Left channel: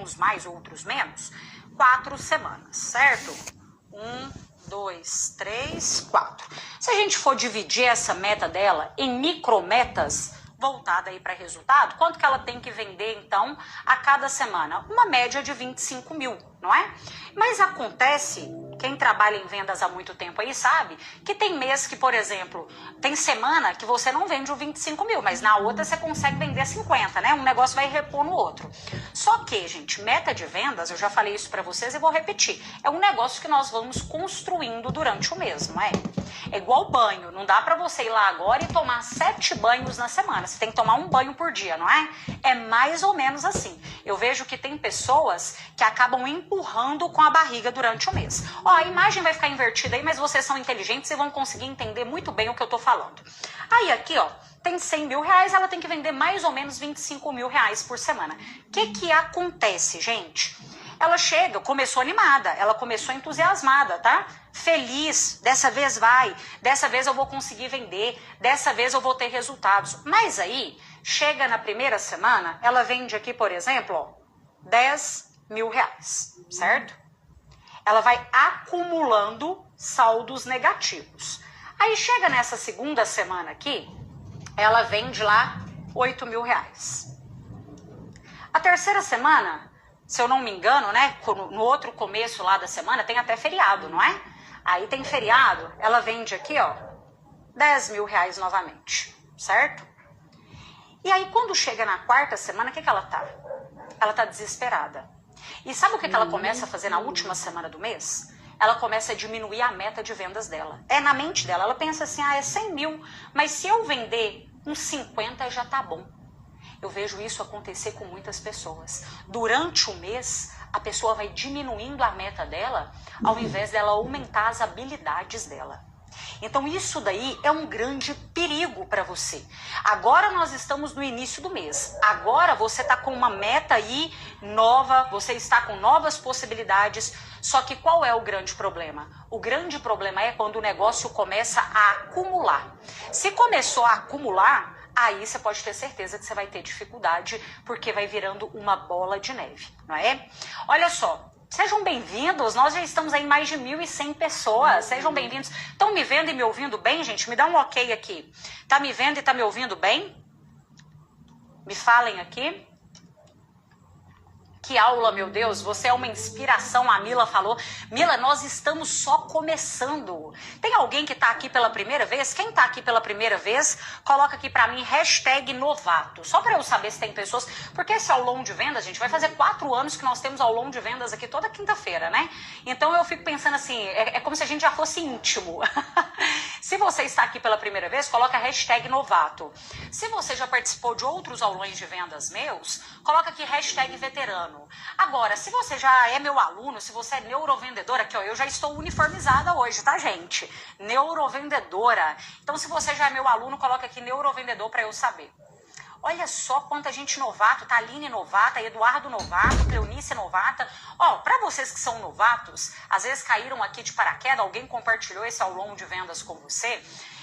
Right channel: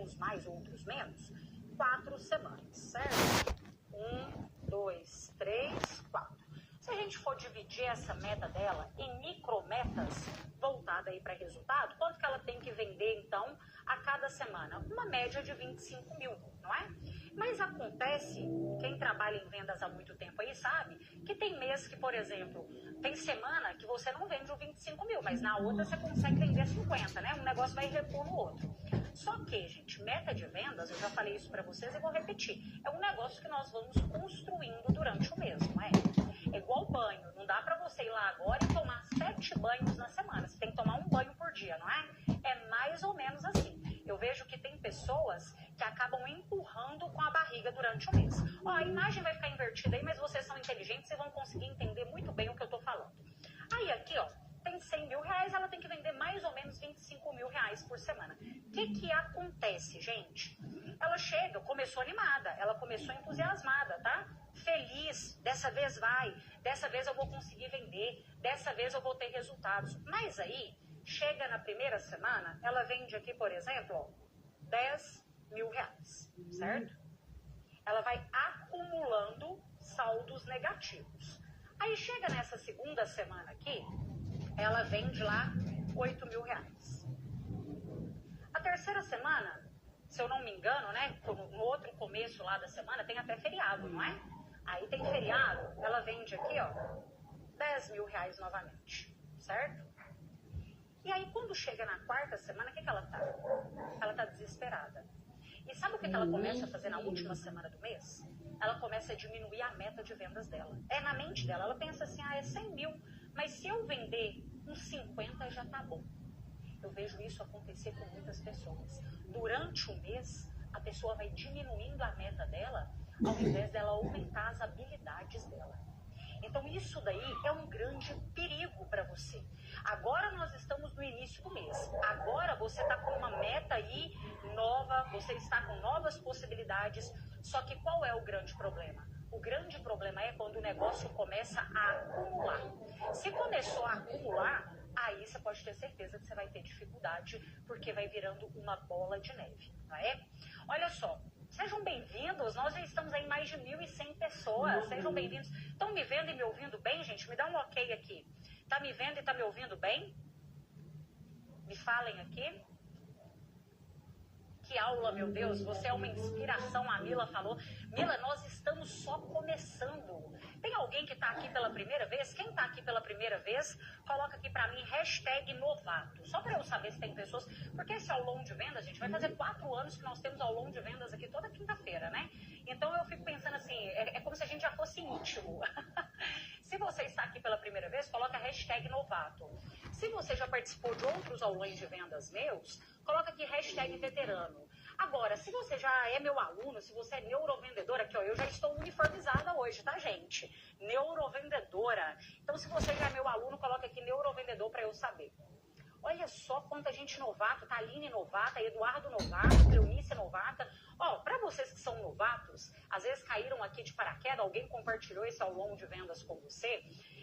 alguns mais, outros menos, 4 semanas, certo? 1, 2, 3, 4. Se a gente for dividir essa meta dela em micrometas, voltada aí para resultado, quanto que ela tem que vender, então, a cada semana? Uma média de 25 mil, não é? Mas acontece, quem trabalha em vendas há muito tempo aí sabe, que tem mês que, por exemplo, tem semana que você não vende o 25 mil, mas na outra você consegue vender 50, né? Um negócio vai repor no outro. Só que, gente, meta de vendas, eu já falei isso para vocês e vou repetir, é um negócio que nós vamos construindo durante o mês, não é? É igual banho, não dá para você ir lá agora e tomar 7 banhos na semana, você tem que tomar um banho por dia, não é? É mais ou menos assim. Eu vejo que tem pessoas que acabam empurrando com a barriga durante o mês. Ó, a imagem vai ficar invertida aí, mas vocês são inteligentes e vão conseguir entender muito bem o que eu tô falando. Aí aqui, ó, tem 100 mil reais, ela tem que vender mais ou menos 25 mil reais por semana. O que acontece, gente? Ela chega, começou animada, ela começou entusiasmada, tá? Feliz, dessa vez vai, dessa vez eu vou conseguir vender, dessa vez eu vou ter resultados. Mas aí, chega na primeira semana, ela vende aqui, por exemplo, ó, 10 mil reais, certo? Ela vai acumulando saldos negativos. Aí chega nessa segunda semana aqui, ela vende lá 8 mil reais. A terceira semana, se eu não me engano, né, no outro começo lá da semana, tem até feriado, não é? Aí tem feriado, ela vende aqui, ó, 10 mil reais novamente, certo? E aí quando chega na quarta semana, o que ela tá? Ela tá desesperada. E sabe o que ela começa a fazer na última semana do mês? Ela começa a diminuir a meta de vendas dela. É na mente dela, ela pensa assim, é 100 mil, mas se eu vender uns 50 já tá bom. Eu vejo isso acontecer com muitas pessoas. Durante o mês, a pessoa vai diminuindo a meta dela, ao invés dela aumentar as habilidades dela. Então isso daí é um grande perigo para você. Agora nós estamos no início do mês. Agora você está com uma meta aí nova, você está com novas possibilidades. Só que qual é o grande problema? O grande problema é quando o negócio começa a acumular. Se começou a acumular, aí você pode ter certeza que você vai ter dificuldade, porque vai virando uma bola de neve, não é? Olha só, sejam bem-vindos, nós já estamos aí em mais de 1.100 pessoas, sejam bem-vindos. Estão me vendo e me ouvindo bem, gente? Me dá um ok aqui. Tá me vendo e tá me ouvindo bem? Me falem aqui. Que aula, meu Deus, você é uma inspiração, a Mila falou. Mila, nós estamos só começando. Tem alguém que tá aqui pela primeira vez? Quem tá aqui pela primeira vez, coloca aqui pra mim, #novato. Só pra eu saber se tem pessoas, porque esse aulão de vendas, gente, vai fazer 4 anos que nós temos aulão de vendas aqui toda quinta-feira, né? Então eu fico pensando assim, é como se a gente já fosse íntimo. Se você está aqui pela primeira vez, coloca #novato. Se você já participou de outros aulões de vendas meus, coloca aqui #veterano. Agora, se você já é meu aluno, se você é neurovendedora, aqui ó, eu já estou uniformizada hoje, tá, gente? Neurovendedora. Então, se você já é meu aluno, coloca aqui neurovendedor para eu saber. Olha só quanta gente novata, tá? Aline novata, Eduardo novato, Cleonice novata. Ó, pra vocês que são novatos, às vezes caíram aqui de paraquedas, alguém compartilhou esse aulão de vendas com você,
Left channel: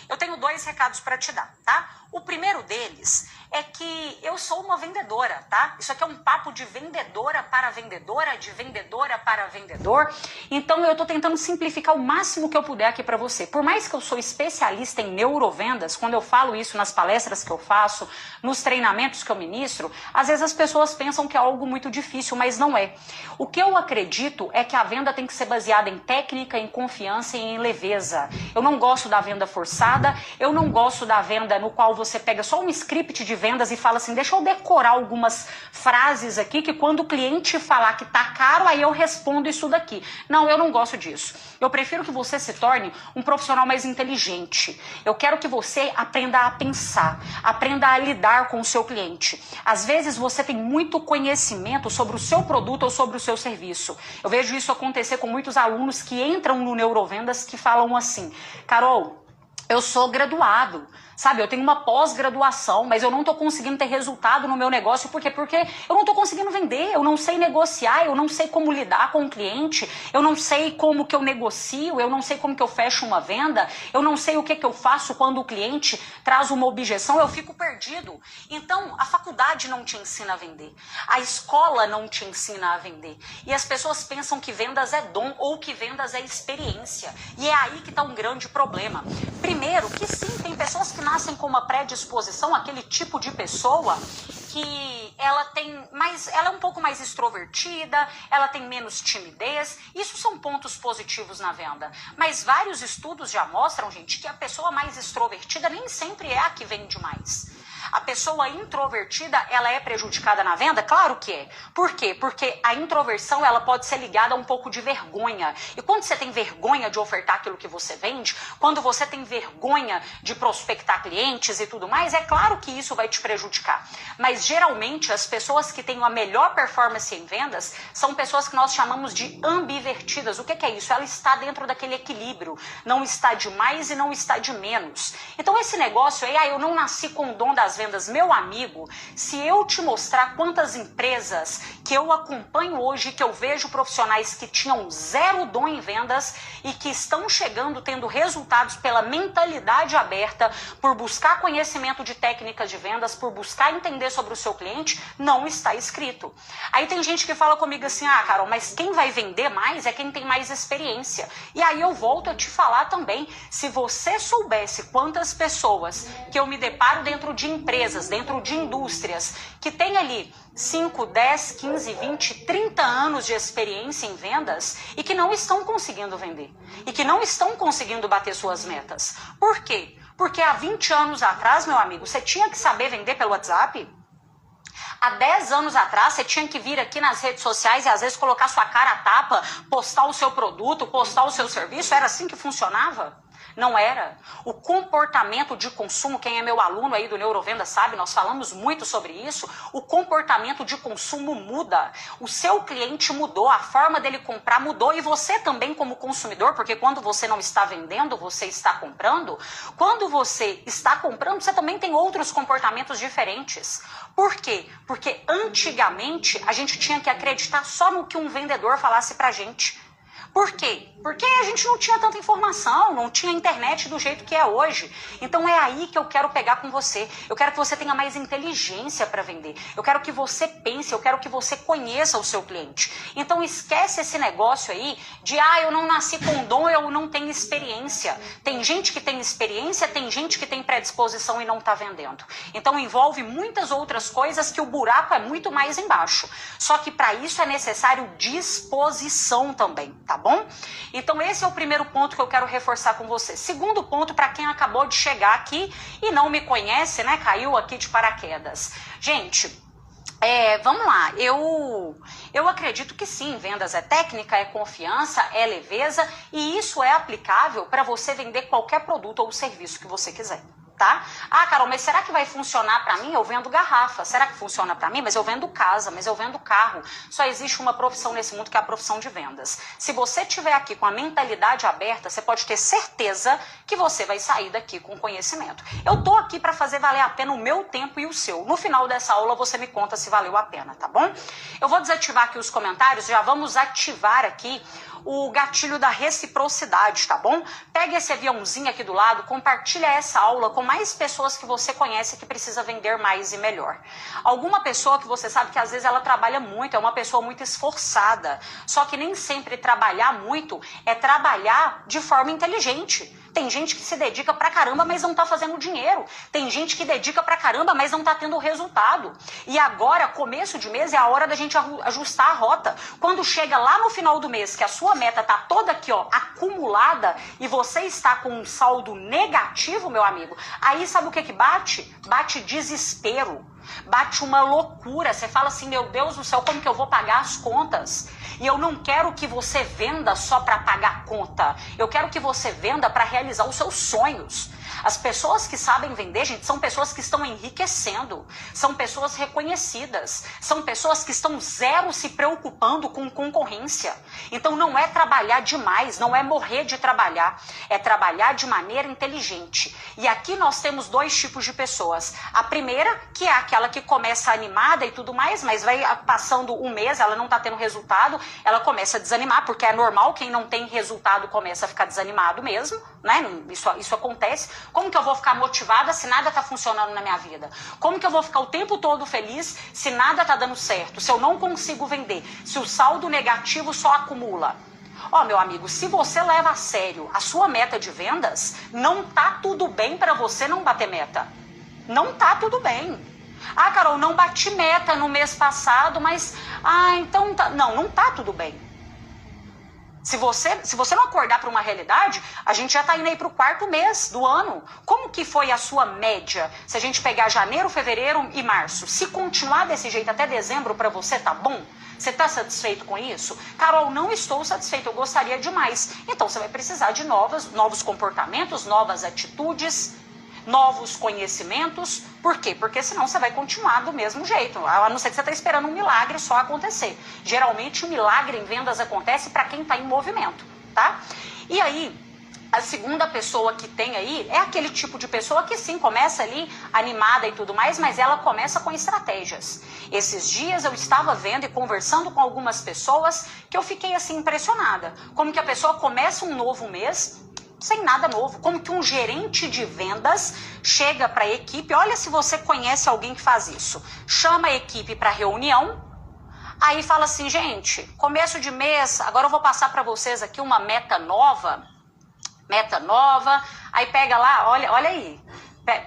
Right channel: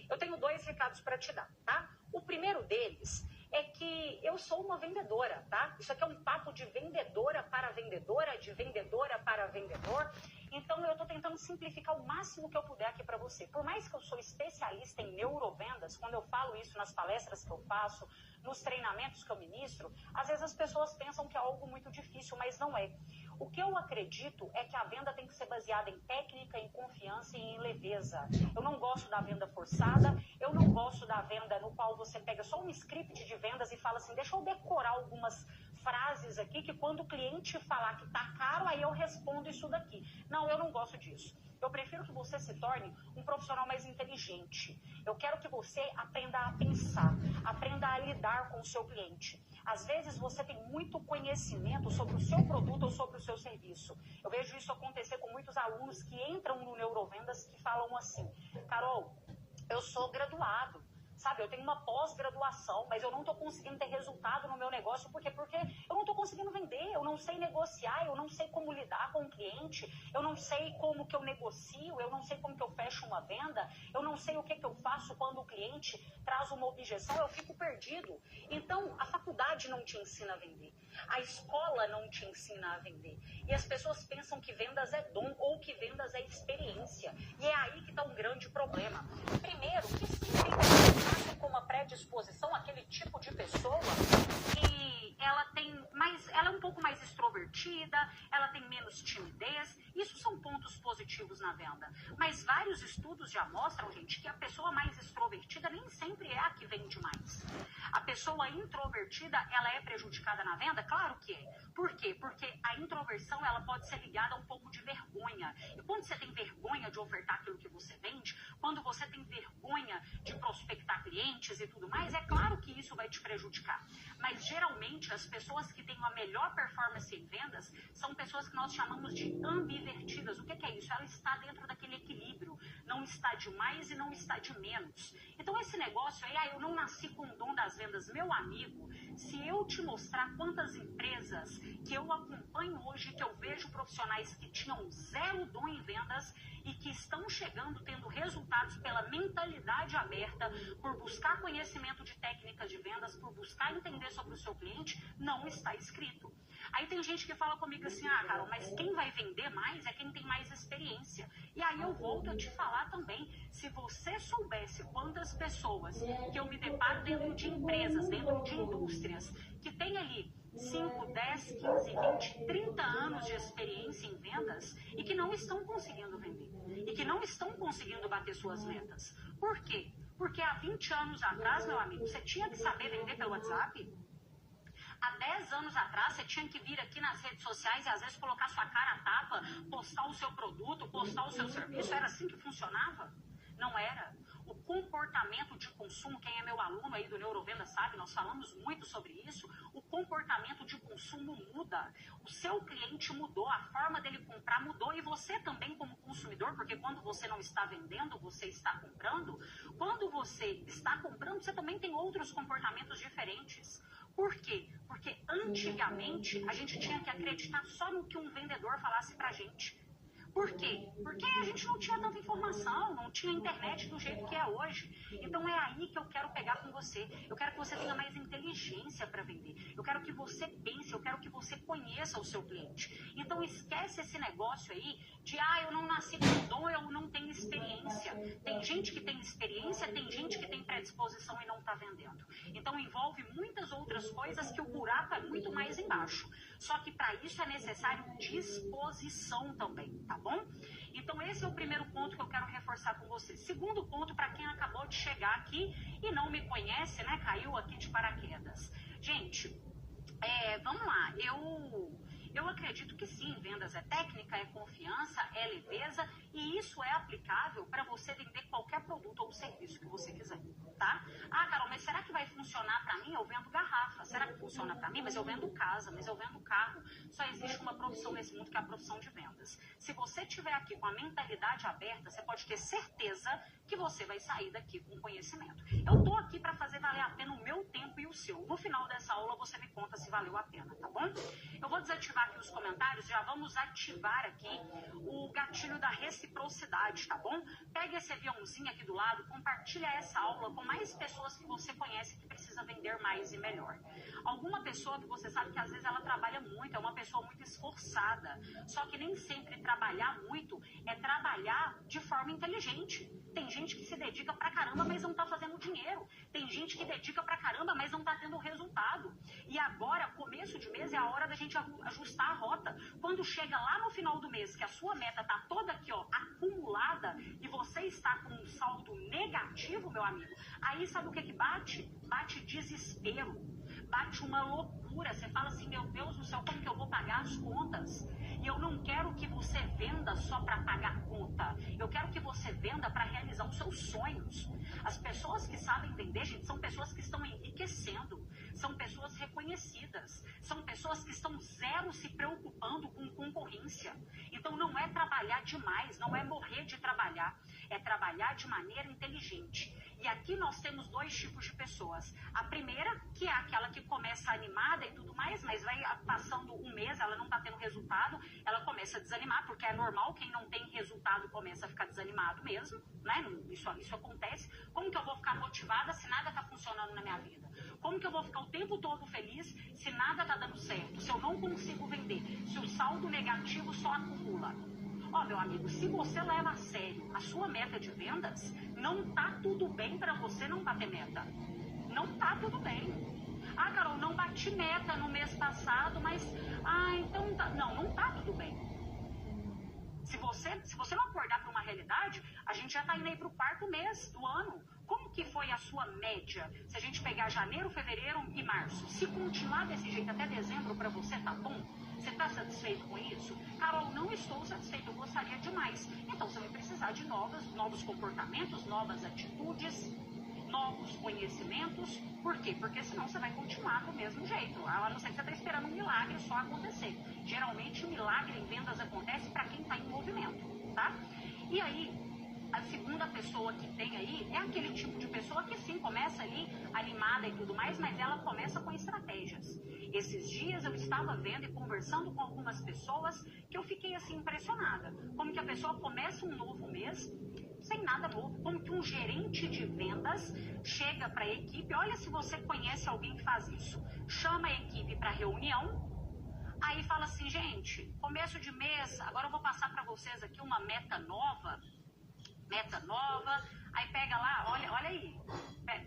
eu tenho 2 recados para te dar, tá? O primeiro deles é que eu sou uma vendedora, tá? Isso aqui é um papo de vendedora para vendedora, de vendedora para vendedor. Então eu tô tentando simplificar o máximo que eu puder aqui para você. Por mais que eu sou especialista em neurovendas, quando eu falo isso nas palestras que eu faço, nos treinamentos que eu ministro, às vezes as pessoas pensam que é algo muito difícil, mas não é. O que eu acredito é que a venda tem que ser baseada em técnica, em confiança e em leveza. Eu não gosto da venda forçada, eu não gosto da venda no qual você pega só um script de vendas e fala assim, deixa eu decorar algumas frases aqui que quando o cliente falar que tá caro, aí eu respondo isso daqui. Não, eu não gosto disso. Eu prefiro que você se torne um profissional mais inteligente. Eu quero que você aprenda a pensar, aprenda a lidar com o seu cliente. Às vezes você tem muito conhecimento sobre o seu produto ou sobre o seu serviço. Eu vejo isso acontecer com muitos alunos que entram no Neurovendas que falam assim, Carol, eu sou graduado, Sabe, eu tenho uma pós-graduação, mas eu não tô conseguindo ter resultado no meu negócio. Por quê? Porque eu não tô conseguindo vender, eu não sei negociar, eu não sei como lidar com o cliente, eu não sei como que eu negocio, eu não sei como que eu fecho uma venda, eu não sei o que eu faço quando o cliente traz uma objeção, eu fico perdido. Então, a faculdade não te ensina a vender, a escola não te ensina a vender. E as pessoas pensam que vendas é dom ou que vendas é experiência. E é aí que tá um grande problema. Primeiro, que sim, tem pessoas que nascem com uma predisposição, aquele tipo de pessoa que ela é um pouco mais extrovertida, ela tem menos timidez. Isso são pontos positivos na venda. Mas vários estudos já mostram, gente, que a pessoa mais extrovertida nem sempre é a que vende mais. A pessoa introvertida, ela é prejudicada na venda? Claro que é. Por quê? Porque a introversão, ela pode ser ligada a um pouco de vergonha. E quando você tem vergonha de ofertar aquilo que você vende, quando você tem vergonha de prospectar clientes e tudo mais, é claro que isso vai te prejudicar. Mas geralmente as pessoas que têm a melhor performance em vendas são pessoas que nós chamamos de ambivertidas. O que é isso? Ela está dentro daquele equilíbrio. Não está de mais e não está de menos. Então esse negócio aí, eu não nasci com o dom das vendas. Meu amigo, se eu te mostrar quantas empresas que eu acompanho hoje, que eu vejo profissionais que tinham zero dom em vendas e que estão chegando, tendo resultados pela mentalidade aberta, por buscar conhecimento de técnicas de vendas, por buscar entender sobre o seu cliente, não está escrito. Aí tem gente que fala comigo assim, Carol, mas quem vai vender mais é quem tem mais experiência. E aí eu volto a te falar também, se você soubesse quantas pessoas que eu me deparo dentro de empresas, dentro de indústrias, que tem ali 5, 10, 15, 20, 30 anos de experiência em vendas e que não estão conseguindo vender. E que não estão conseguindo bater suas metas. Por quê? Porque há 20 anos atrás, meu amigo, você tinha que saber vender pelo WhatsApp. Há 10 anos atrás, você tinha que vir aqui nas redes sociais e às vezes colocar sua cara a tapa, postar o seu produto, postar o seu serviço. Era assim que funcionava? Não era. O comportamento de consumo, quem é meu aluno aí do Neurovenda sabe, nós falamos muito sobre isso, o comportamento de consumo muda. O seu cliente mudou, a forma dele comprar mudou e você também como consumidor, porque quando você não está vendendo, você está comprando. Quando você está comprando, você também tem outros comportamentos diferentes. Por quê? Porque antigamente a gente tinha que acreditar só no que um vendedor falasse pra gente. Por quê? Porque a gente não tinha tanta informação, não tinha internet do jeito que é hoje. Então é aí que eu quero pegar com você. Eu quero que você tenha mais inteligência para vender. Eu quero que você pense, eu quero que você conheça o seu cliente. Então esquece esse negócio aí de, eu não nasci com dom, eu não tenho experiência. Tem gente que tem experiência, tem gente que tem predisposição e não está vendendo. Então envolve muitas outras coisas que o buraco é muito mais embaixo. Só que para isso é necessário disposição também, tá bom? Então esse é o primeiro ponto que eu quero reforçar com você. Segundo ponto, para quem acabou de chegar aqui e não me conhece, né, caiu aqui de paraquedas. Gente, vamos lá, eu acredito que sim, vendas é técnica, é confiança, é leveza e isso é aplicável para você vender qualquer produto ou serviço que você quiser. Tá? Carol, mas será que vai funcionar para mim? Eu vendo garrafa. Será que funciona para mim? Mas eu vendo casa, mas eu vendo carro. Só existe uma profissão nesse mundo que é a profissão de vendas. Se você estiver aqui com a mentalidade aberta, você pode ter certeza que você vai sair daqui com conhecimento. Eu tô aqui para fazer valer a pena o meu tempo e o seu. No final dessa aula você me conta se valeu a pena, tá bom? Eu vou desativar aqui os comentários, já vamos ativar aqui o gatilho da reciprocidade, tá bom? Pega esse aviãozinho aqui do lado, compartilha essa aula com mais pessoas que você conhece que precisa vender mais e melhor. Alguma pessoa que você sabe que às vezes ela trabalha muito, é uma pessoa muito esforçada, só que nem sempre trabalhar muito é trabalhar de forma inteligente. Tem gente que se dedica pra caramba, mas não tá fazendo dinheiro. Tem gente que dedica pra caramba, mas não tá tendo resultado. E agora, começo de mês, é a hora da gente ajustar a rota. Quando chega lá no final do mês, que a sua meta tá toda aqui, acumulada, e você está com um saldo negativo, meu amigo, aí sabe o que bate? Bate desespero. Bate uma loucura. Você fala assim, meu Deus do céu, como que eu vou pagar as contas? E eu não quero que você venda só para pagar a conta. Eu quero que você venda para realizar os seus sonhos. As pessoas que sabem vender, gente, são pessoas que estão enriquecendo, são pessoas reconhecidas, são pessoas que estão zero se preocupando com concorrência. Então não é trabalhar demais, não é morrer de trabalhar, é trabalhar de maneira inteligente. E aqui nós temos dois tipos de pessoas. A primeira, que é aquela que começa animada e tudo mais, mas vai passando um mês, ela não está tendo resultado, ela começa a desanimar, porque é normal, quem não tem resultado começa a ficar desanimado mesmo, né? Isso acontece. Como que eu vou ficar motivada se nada está funcionando na minha vida? Como que eu vou ficar o tempo todo feliz se nada está dando certo? Se eu não consigo vender? Se o saldo negativo só acumula? Ó, meu amigo, se você leva a sério a sua meta de vendas, não tá tudo bem para você não bater meta. Não tá tudo bem. Ah, Carol, não bati meta no mês passado, mas... então tá... Não tá tudo bem. Se você não acordar para uma realidade, a gente já está indo aí para o 4º mês do ano. Como que foi a sua média? Se a gente pegar janeiro, fevereiro e março, se continuar desse jeito até dezembro para você, tá bom? Você está satisfeito com isso? Carol, não estou satisfeito, eu gostaria de mais. Então você vai precisar de novos comportamentos, novas atitudes, novos conhecimentos. Por quê? Porque senão você vai continuar do mesmo jeito, a não ser que você está esperando um milagre só acontecer. Geralmente o milagre em vendas acontece para quem está em movimento, tá? E aí, a segunda pessoa que tem aí é aquele tipo de pessoa que sim, começa ali animada e tudo mais, mas ela começa com estratégias. Esses dias eu estava vendo e conversando com algumas pessoas que eu fiquei assim impressionada. Como que a pessoa começa um novo mês sem nada novo, como que um gerente de vendas chega para a equipe, olha se você conhece alguém que faz isso, chama a equipe para reunião, aí fala assim, gente, começo de mês, agora eu vou passar para vocês aqui uma meta nova, aí pega lá, olha aí,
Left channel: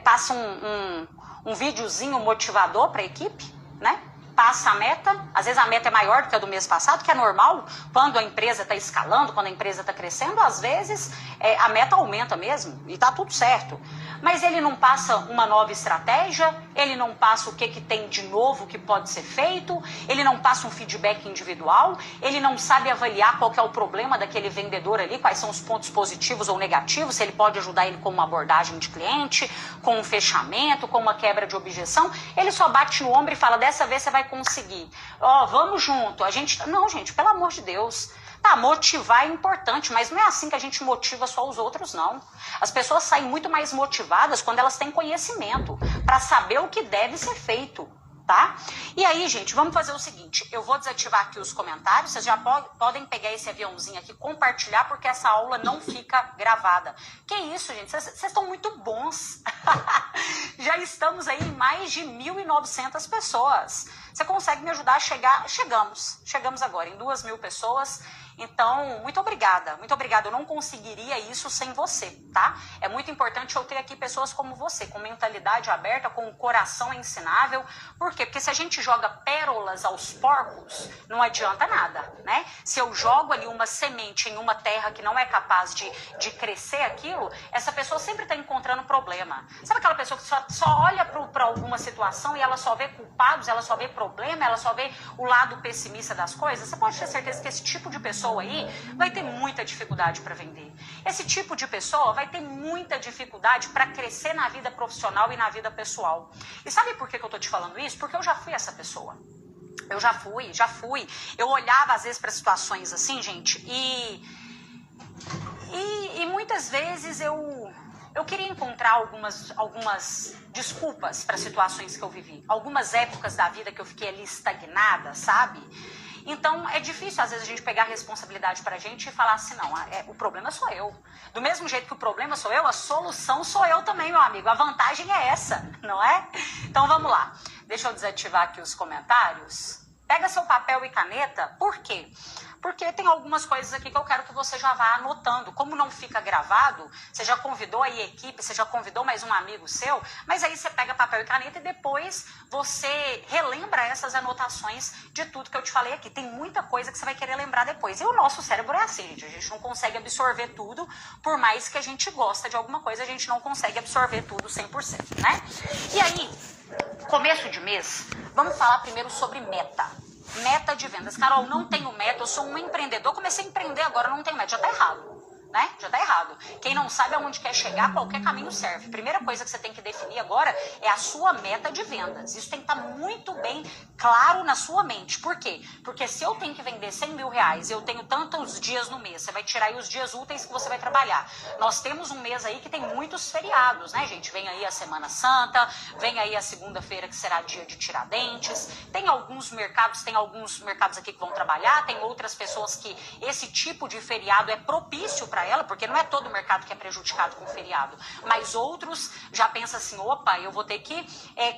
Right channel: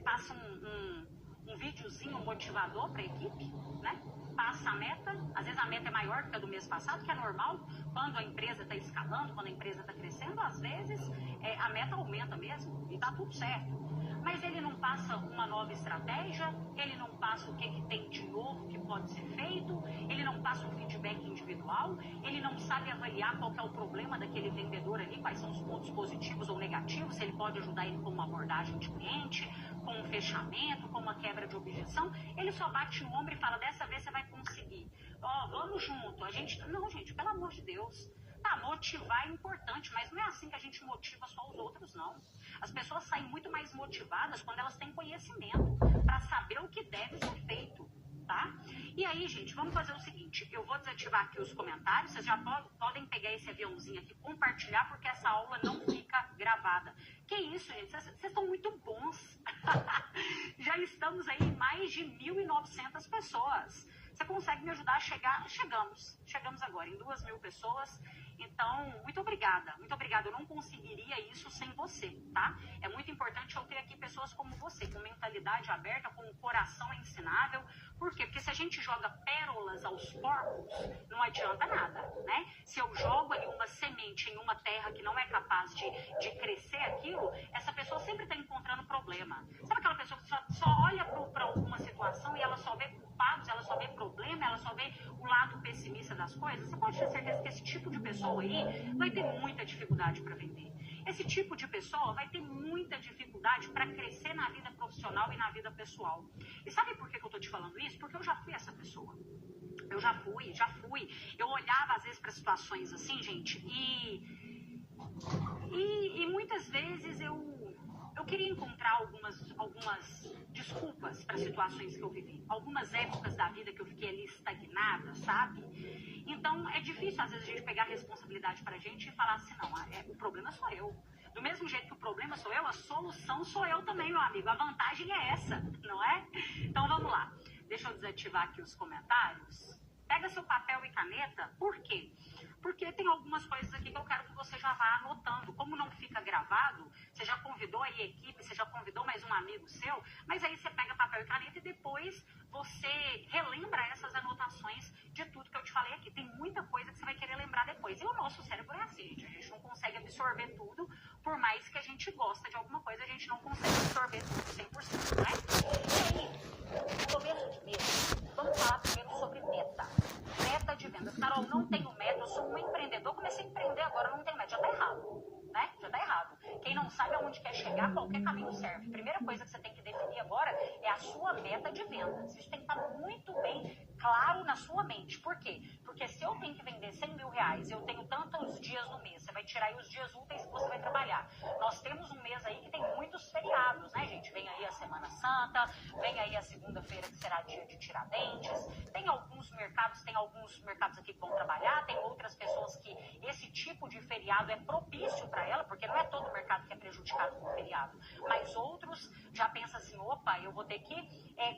passa um videozinho motivador para a equipe, né? Passa a meta, às vezes a meta é maior do que a do mês passado, que é normal, quando a empresa está escalando, quando a empresa está crescendo, às vezes a meta aumenta mesmo e está tudo certo. Mas ele não passa uma nova estratégia, ele não passa o que tem de novo que pode ser feito, ele não passa um feedback individual, ele não sabe avaliar qual que é o problema daquele vendedor ali, quais são os pontos positivos ou negativos, se ele pode ajudar ele com uma abordagem de cliente, com um fechamento, com uma quebra de objeção. Ele só bate no ombro e fala, dessa vez você vai conseguir. Ó, vamos junto. Não, gente, pelo amor de Deus. Tá, motivar é importante, mas não é assim que a gente motiva só os outros, não. As pessoas saem muito mais motivadas quando elas têm conhecimento para saber o que deve ser feito, tá? E aí, gente, vamos fazer o seguinte, eu vou desativar aqui os comentários, vocês já podem pegar esse aviãozinho aqui, compartilhar, porque essa aula não fica gravada. Que isso, gente, vocês estão muito bons. Já estamos aí em mais de 1.900 pessoas. Você consegue me ajudar a chegar? Chegamos agora em 2.000 pessoas. Então, muito obrigada, eu não conseguiria isso sem você, tá? É muito importante eu ter aqui pessoas como você, com mentalidade aberta, com um coração ensinável. Por quê? Porque se a gente joga pérolas aos porcos, não adianta nada, né? Se eu jogo ali uma semente em uma terra que não é capaz de crescer aquilo, essa pessoa sempre está encontrando problema. Sabe aquela pessoa que só olha para alguma situação e ela só vê culpados, ela só vê problema, ela só vê o lado pessimista das coisas? Você pode ter certeza que esse tipo de pessoa aí vai ter muita dificuldade para vender. Esse tipo de pessoa vai ter muita dificuldade para crescer na vida profissional e na vida pessoal. E sabe por que eu tô te falando isso? Porque eu já fui essa pessoa. Eu já fui. Eu olhava às vezes para situações assim, gente, e muitas vezes eu queria encontrar algumas desculpas para situações que eu vivi. Algumas épocas da vida que eu fiquei ali estagnada, sabe? Então, é difícil, às vezes, a gente pegar a responsabilidade pra gente e falar assim, não, o problema sou eu. Do mesmo jeito que o problema sou eu, a solução sou eu também, meu amigo. A vantagem é essa, não é? Então, vamos lá. Deixa eu desativar aqui os comentários. Pega seu papel e caneta. Por quê? Porque tem algumas coisas aqui que eu quero que você já vá anotando. Como não fica gravado, você já convidou aí a equipe, você já convidou mais um amigo seu, mas aí você pega papel e caneta e depois você relembra essas anotações de tudo que eu te falei aqui. Tem muita coisa que você vai querer lembrar depois. E o nosso cérebro é assim, gente. A gente não consegue absorver tudo, por mais que a gente gosta de alguma coisa, a gente não consegue absorver tudo 100%, né? E aí, começo de mês, vamos falar primeiro sobre meta. Meta de vendas. Carol, não tenho meta, eu sou um empreendedor, comecei a empreender agora, não tenho meta. Já tá errado. né? Já tá errado. Quem não sabe aonde quer chegar, qualquer caminho serve. Primeira coisa que você tem que definir agora é a sua meta de vendas. Isso tem que estar muito bem claro na sua mente. Por quê? Porque se eu tenho que vender 100 mil reais, eu tenho tantos dias no mês, você vai tirar aí os dias úteis que você vai trabalhar. Nós temos um mês aí que tem muitos feriados, né, gente? Vem aí a Semana Santa, vem aí a segunda-feira que será dia de Tiradentes. Tem alguns mercados aqui que vão trabalhar, tem outras pessoas que esse tipo de feriado é propício para ela, porque não é todo o mercado que é prejudicado com feriado, mas outros já pensam assim, opa, eu vou ter que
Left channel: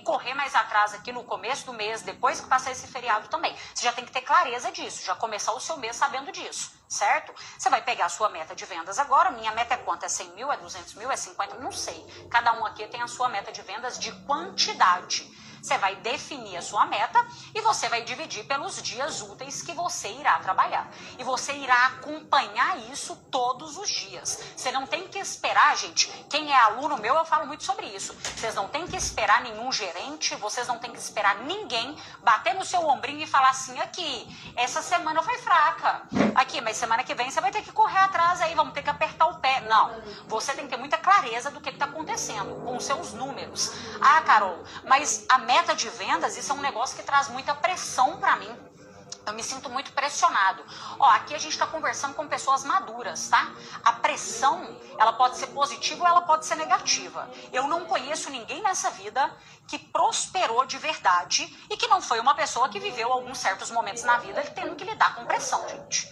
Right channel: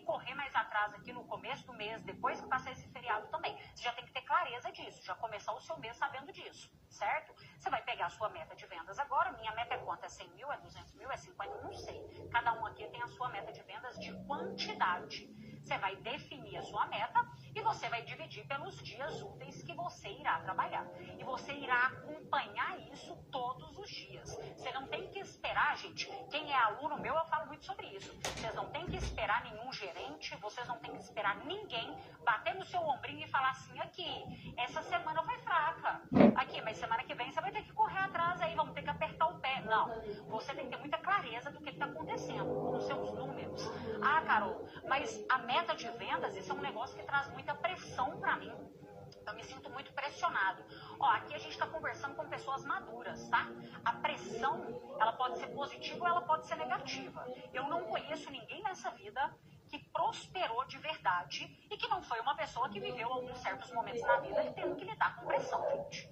correr mais atrás aqui no começo do mês, depois que passar esse feriado também. Você já tem que ter clareza disso, já começar o seu mês sabendo disso, certo? Você vai pegar a sua meta de vendas agora, minha meta é quanto? É 100 mil, é 200 mil, é 50? Não sei. Cada um aqui tem a sua meta de vendas de quantidade. Você vai definir a sua meta e você vai dividir pelos dias úteis que você irá trabalhar. E você irá acompanhar isso todos os dias. Você não tem que esperar, gente. Quem é aluno meu, eu falo muito sobre isso. Vocês não tem que esperar nenhum gerente, vocês não tem que esperar ninguém bater no seu ombrinho e falar assim, aqui, essa semana foi fraca. Aqui, mas semana que vem você vai ter que correr atrás aí, vamos ter que apertar o pé. Não, você tem que ter muita clareza do que está acontecendo com os seus números. Ah, Carol, mas a meta de vendas, isso é um negócio que traz muita pressão para mim. Eu me sinto muito pressionado. Ó, aqui a gente está conversando com pessoas maduras, tá? A pressão, ela pode ser positiva ou ela pode ser negativa. Eu não conheço ninguém nessa vida que prosperou de verdade e que não foi uma pessoa que viveu alguns certos momentos na vida tendo que lidar com pressão, gente.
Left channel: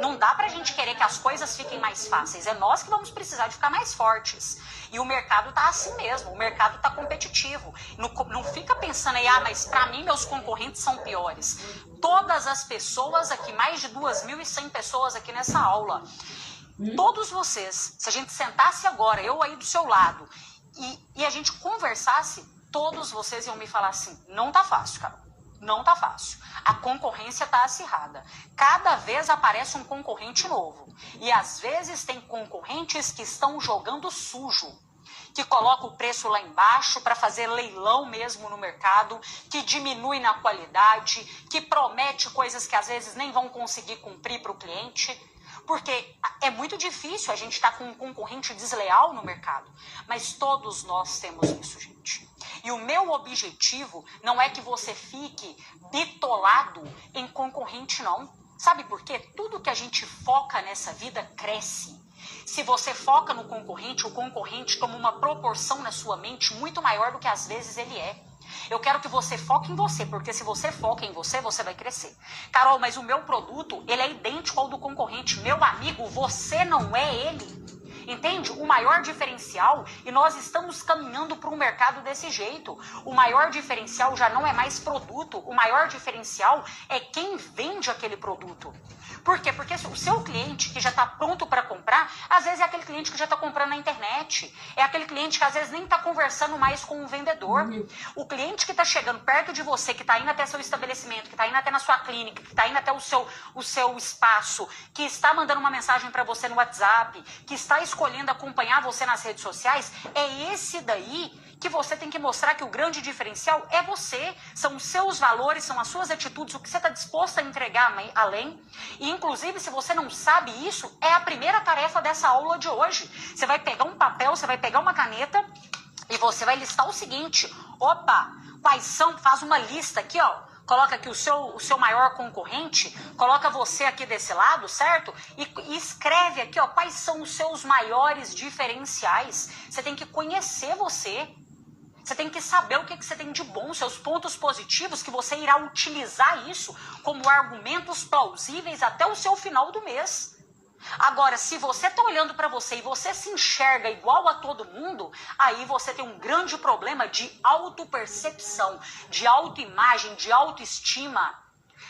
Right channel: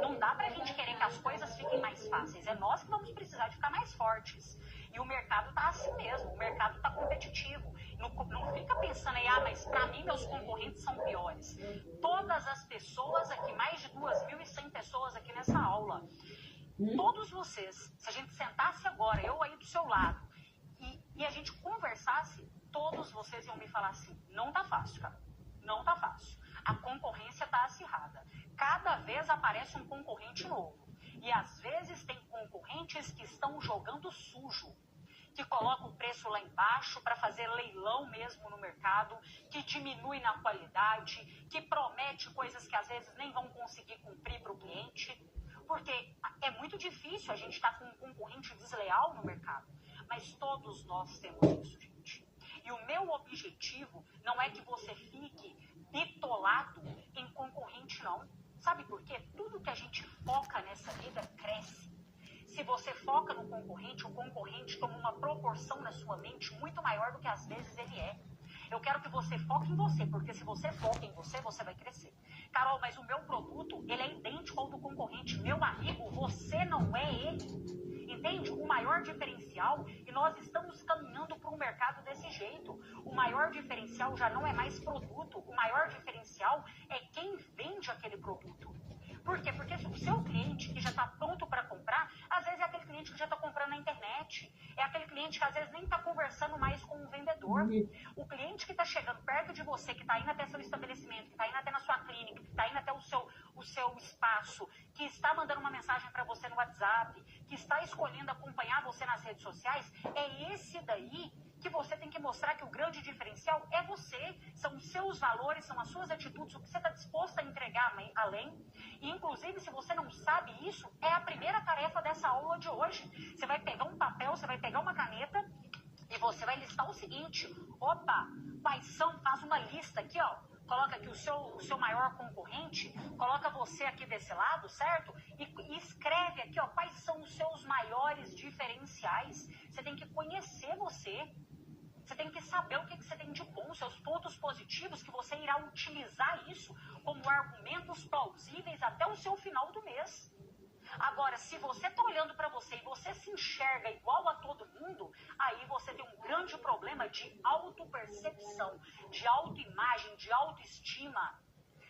Não dá pra gente querer que as coisas fiquem mais fáceis. É nós que vamos precisar de ficar mais fortes. E o mercado tá assim mesmo. O mercado tá competitivo. Não fica pensando aí, mas pra mim meus concorrentes são piores. Todas as pessoas aqui, mais de 2.100 pessoas aqui nessa aula. Todos vocês, se a gente sentasse agora, eu aí do seu lado, e a gente conversasse, todos vocês iam me falar assim, não tá fácil, cara. Não tá fácil. A concorrência tá acirrada. Cada vez aparece um concorrente novo. E às vezes tem concorrentes que estão jogando sujo, que coloca o preço lá embaixo para fazer leilão mesmo no mercado, que diminui na qualidade, que promete coisas que às vezes nem vão conseguir cumprir para o cliente. Porque é muito difícil a gente estar com um concorrente desleal no mercado. Mas todos nós temos isso, gente. E o meu objetivo não é que você fique bitolado em concorrente, não. Sabe por quê? Tudo que a gente foca nessa vida cresce. Se você foca no concorrente, o concorrente toma uma proporção na sua mente muito maior do que às vezes ele é. Eu quero que você foque em você, porque se você foca em você, você vai crescer. Carol, mas o meu produto, ele é idêntico ao do concorrente. Meu amigo, você não é ele. Entende? O maior diferencial, e nós estamos caminhando para um mercado desse jeito, o maior diferencial já não é mais produto, o maior diferencial é quem vende aquele produto. Por quê? Porque o seu cliente que já está pronto para comprar, às vezes é aquele cliente que já está comprando na internet, é aquele cliente que às vezes nem está conversando mais com o vendedor. O cliente que está chegando perto de você, que está indo até seu estabelecimento, que está indo até na sua clínica, que está indo até o seu espaço, que está mandando uma mensagem para você no WhatsApp, que está escolhendo acompanhar você nas redes sociais, é esse daí que você tem que mostrar que o grande diferencial é você, são os seus valores, são as suas atitudes, o que você está disposto a entregar além. E inclusive, se você não sabe isso, é a primeira tarefa dessa aula de hoje. Você vai pegar um papel, você vai pegar uma caneta e você vai listar o seguinte, quais são, faz uma lista aqui, ó. Coloca aqui o seu maior concorrente, coloca você aqui desse lado, certo? E escreve aqui, ó, quais são os seus maiores diferenciais. Você tem que conhecer você. Você tem que saber o que você tem de bom, seus pontos positivos, que você irá utilizar isso como argumentos plausíveis até o seu final do mês. Agora, se você está olhando para você e você se enxerga igual a todo mundo, aí você tem um grande problema de autopercepção, de autoimagem, de autoestima.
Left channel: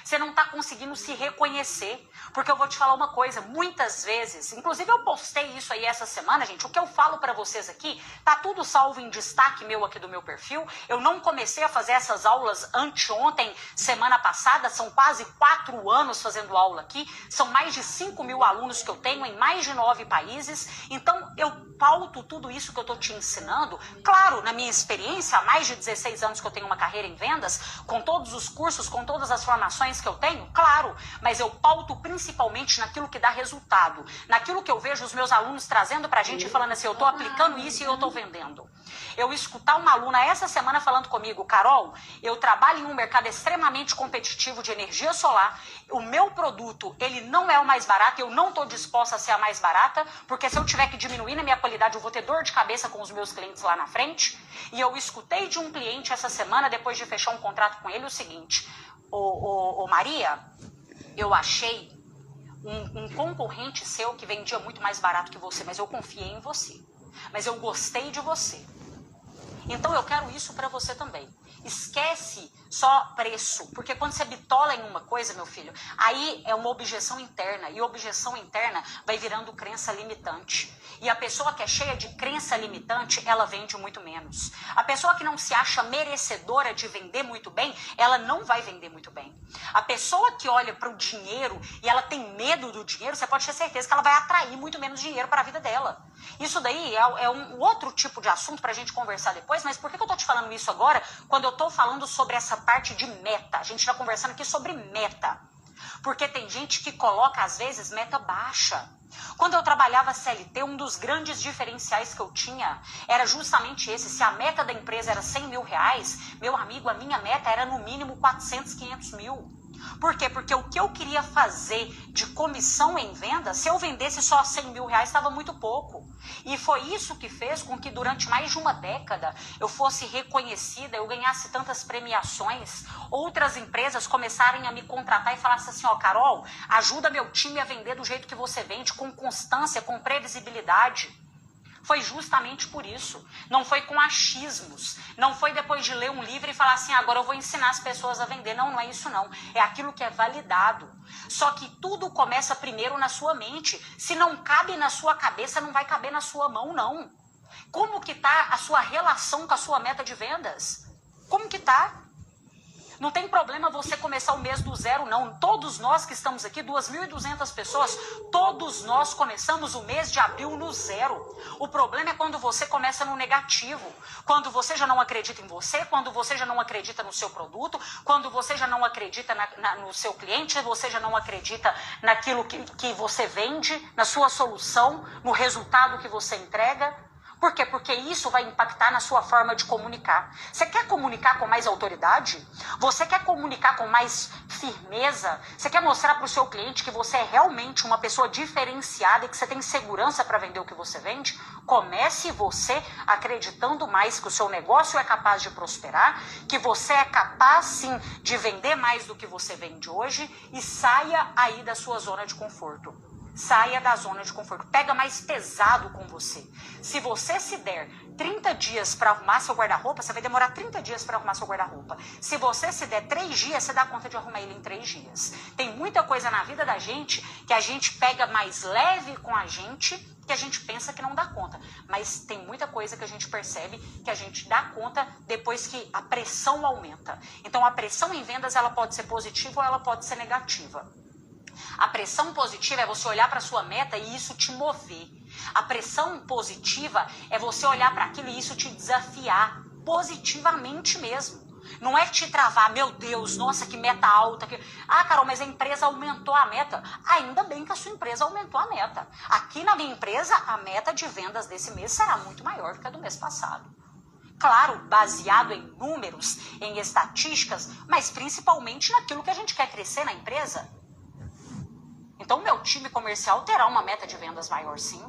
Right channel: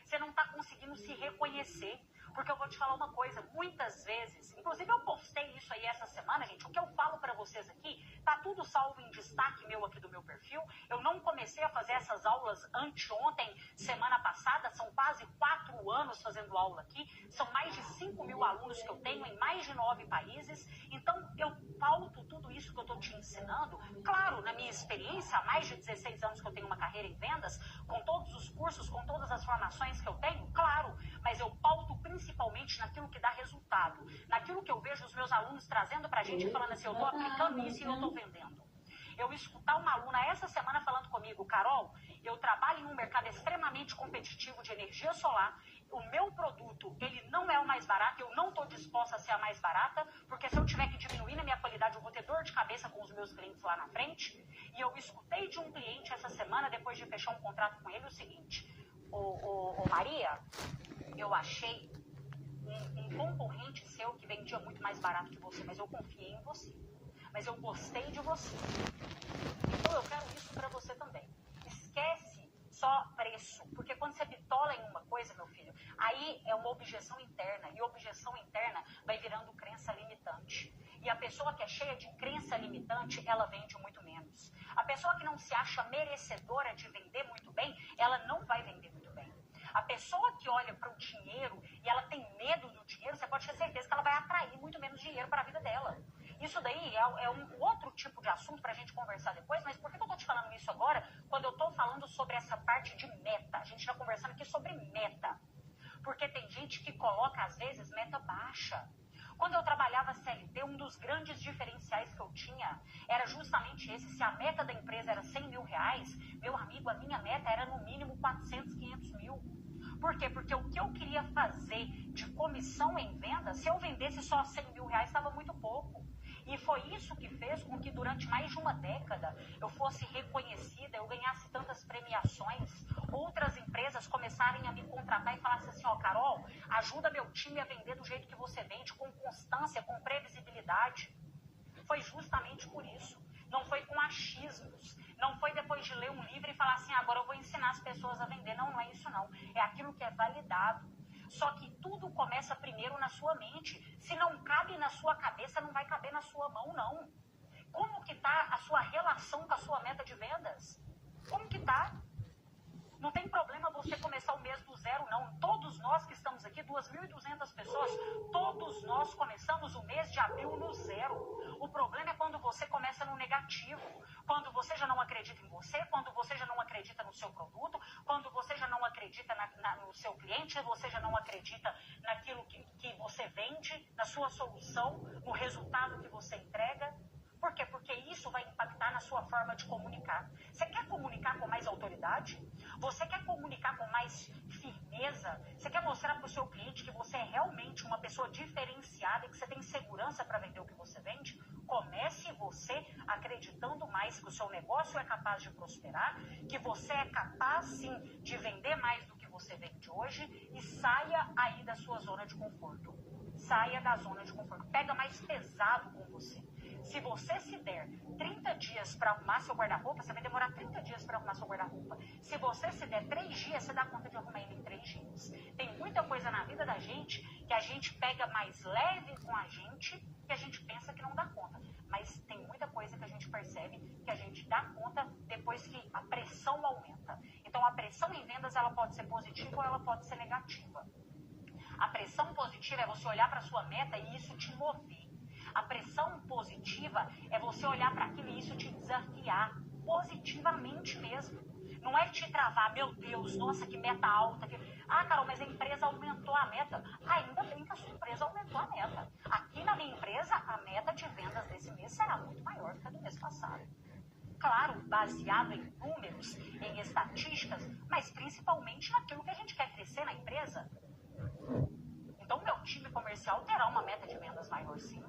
Você não está conseguindo se reconhecer. Porque eu vou te falar uma coisa, muitas vezes, inclusive eu postei isso aí essa semana, gente, o que eu falo pra vocês aqui, tá tudo salvo em destaque meu aqui do meu perfil. Eu não comecei a fazer essas aulas anteontem, semana passada, são quase 4 anos fazendo aula aqui, são mais de 5.000 alunos que eu tenho em mais de 9 países, então eu pauto tudo isso que eu tô te ensinando, claro, na minha experiência, há mais de 16 anos que eu tenho uma carreira em vendas, com todos os cursos, com todas as formações limitações que eu tenho? Claro, mas eu pauto principalmente naquilo que dá resultado, naquilo que eu vejo os meus alunos trazendo pra gente e falando assim, eu tô aplicando isso e eu tô vendendo. Eu escutar uma aluna essa semana falando comigo, Carol, eu trabalho em um mercado extremamente competitivo de energia solar, o meu produto, ele não é o mais barato, eu não estou disposta a ser a mais barata, porque se eu tiver que diminuir na minha qualidade, eu vou ter dor de cabeça com os meus clientes lá na frente. E eu escutei de um cliente essa semana, depois de fechar um contrato com ele, o seguinte, ô Maria, eu achei um concorrente seu que vendia muito mais barato que você, mas eu confiei em você. Mas eu gostei de você. Então eu quero isso para você também. Esquece só preço, porque quando você bitola em uma coisa, meu filho, aí é uma objeção interna, e objeção interna vai virando crença limitante. E a pessoa que é cheia de crença limitante, ela vende muito menos. A pessoa que não se acha merecedora de vender muito bem, ela não vai vender muito bem. A pessoa que olha para o dinheiro e ela tem medo do dinheiro, você pode ter certeza que ela vai atrair muito menos dinheiro para a vida dela. Isso daí é um outro tipo de assunto para a gente conversar depois, mas por que eu estou te falando isso agora, quando eu estou falando sobre essa parte de meta? A gente está conversando aqui sobre meta. Porque tem gente que coloca, às vezes, meta baixa. Quando eu trabalhava CLT, um dos grandes diferenciais que eu tinha era justamente esse. Se a meta da empresa era 100 mil reais, meu amigo, a minha meta era no mínimo 400, 500 mil. Por quê? Porque o que eu queria fazer de comissão em venda, se eu vendesse só 100 mil reais, estava muito pouco. E foi isso que fez com que durante mais de uma década eu fosse reconhecida, eu ganhasse tantas premiações. Outras empresas começarem a me contratar e falassem assim, ó, Carol, ajuda meu time a vender do jeito que você vende, com constância, com previsibilidade. Foi justamente por isso. Não foi com achismos. Não foi depois de ler um livro e falar assim, agora eu vou ensinar as pessoas a vender. Não, não é isso não. É aquilo que é validado. Só que tudo começa primeiro na sua mente. Se não cabe na sua cabeça, não vai caber na sua mão, não. Como que tá a sua relação com a sua meta de vendas? Como que tá? Não tem problema você começar o mês do zero, não. Todos nós que estamos aqui, 2.200 pessoas, todos nós começamos o mês de abril no zero. O problema é quando você começa no negativo. Quando você já não acredita em você, quando você já não acredita no seu produto, quando você já não acredita no seu cliente, você já não acredita naquilo que você vende, na sua solução, no resultado que você entrega. Por quê? Porque isso vai impactar na sua forma de comunicar. Você quer comunicar com mais autoridade? Você quer comunicar com mais firmeza? Você quer mostrar para o seu cliente que você é realmente uma pessoa diferenciada e que você tem segurança para vender o que você vende? Comece você acreditando mais que o seu negócio é capaz de prosperar, que você é capaz sim de vender mais do que você vende hoje e saia aí da sua zona de conforto. Saia da zona de conforto, pega mais pesado com você. Se você se der 30 dias para arrumar seu guarda-roupa, você vai demorar 30 dias para arrumar seu guarda-roupa. Se você se der 3 dias, você dá conta de arrumar ele em 3 dias. Tem muita coisa na vida da gente que a gente pega mais leve com a gente, que a gente pensa que não dá conta. Mas tem muita coisa que a gente percebe que a gente dá conta depois que a pressão aumenta. Então a pressão em vendas, ela pode ser positiva ou ela pode ser negativa. A pressão positiva é você olhar para a sua meta e isso te mover. A pressão positiva é você olhar para aquilo e isso te desafiar, positivamente mesmo. Não é te travar, meu Deus, nossa, que meta alta. Ah, Carol, mas a empresa aumentou a meta. Ainda bem que a sua empresa aumentou a meta. Aqui na minha empresa, a meta de vendas desse mês será muito maior do que a do mês passado. Claro, baseado em números, em estatísticas, mas principalmente naquilo que a gente quer crescer na empresa. Então, o meu time comercial terá uma meta de vendas maior, sim.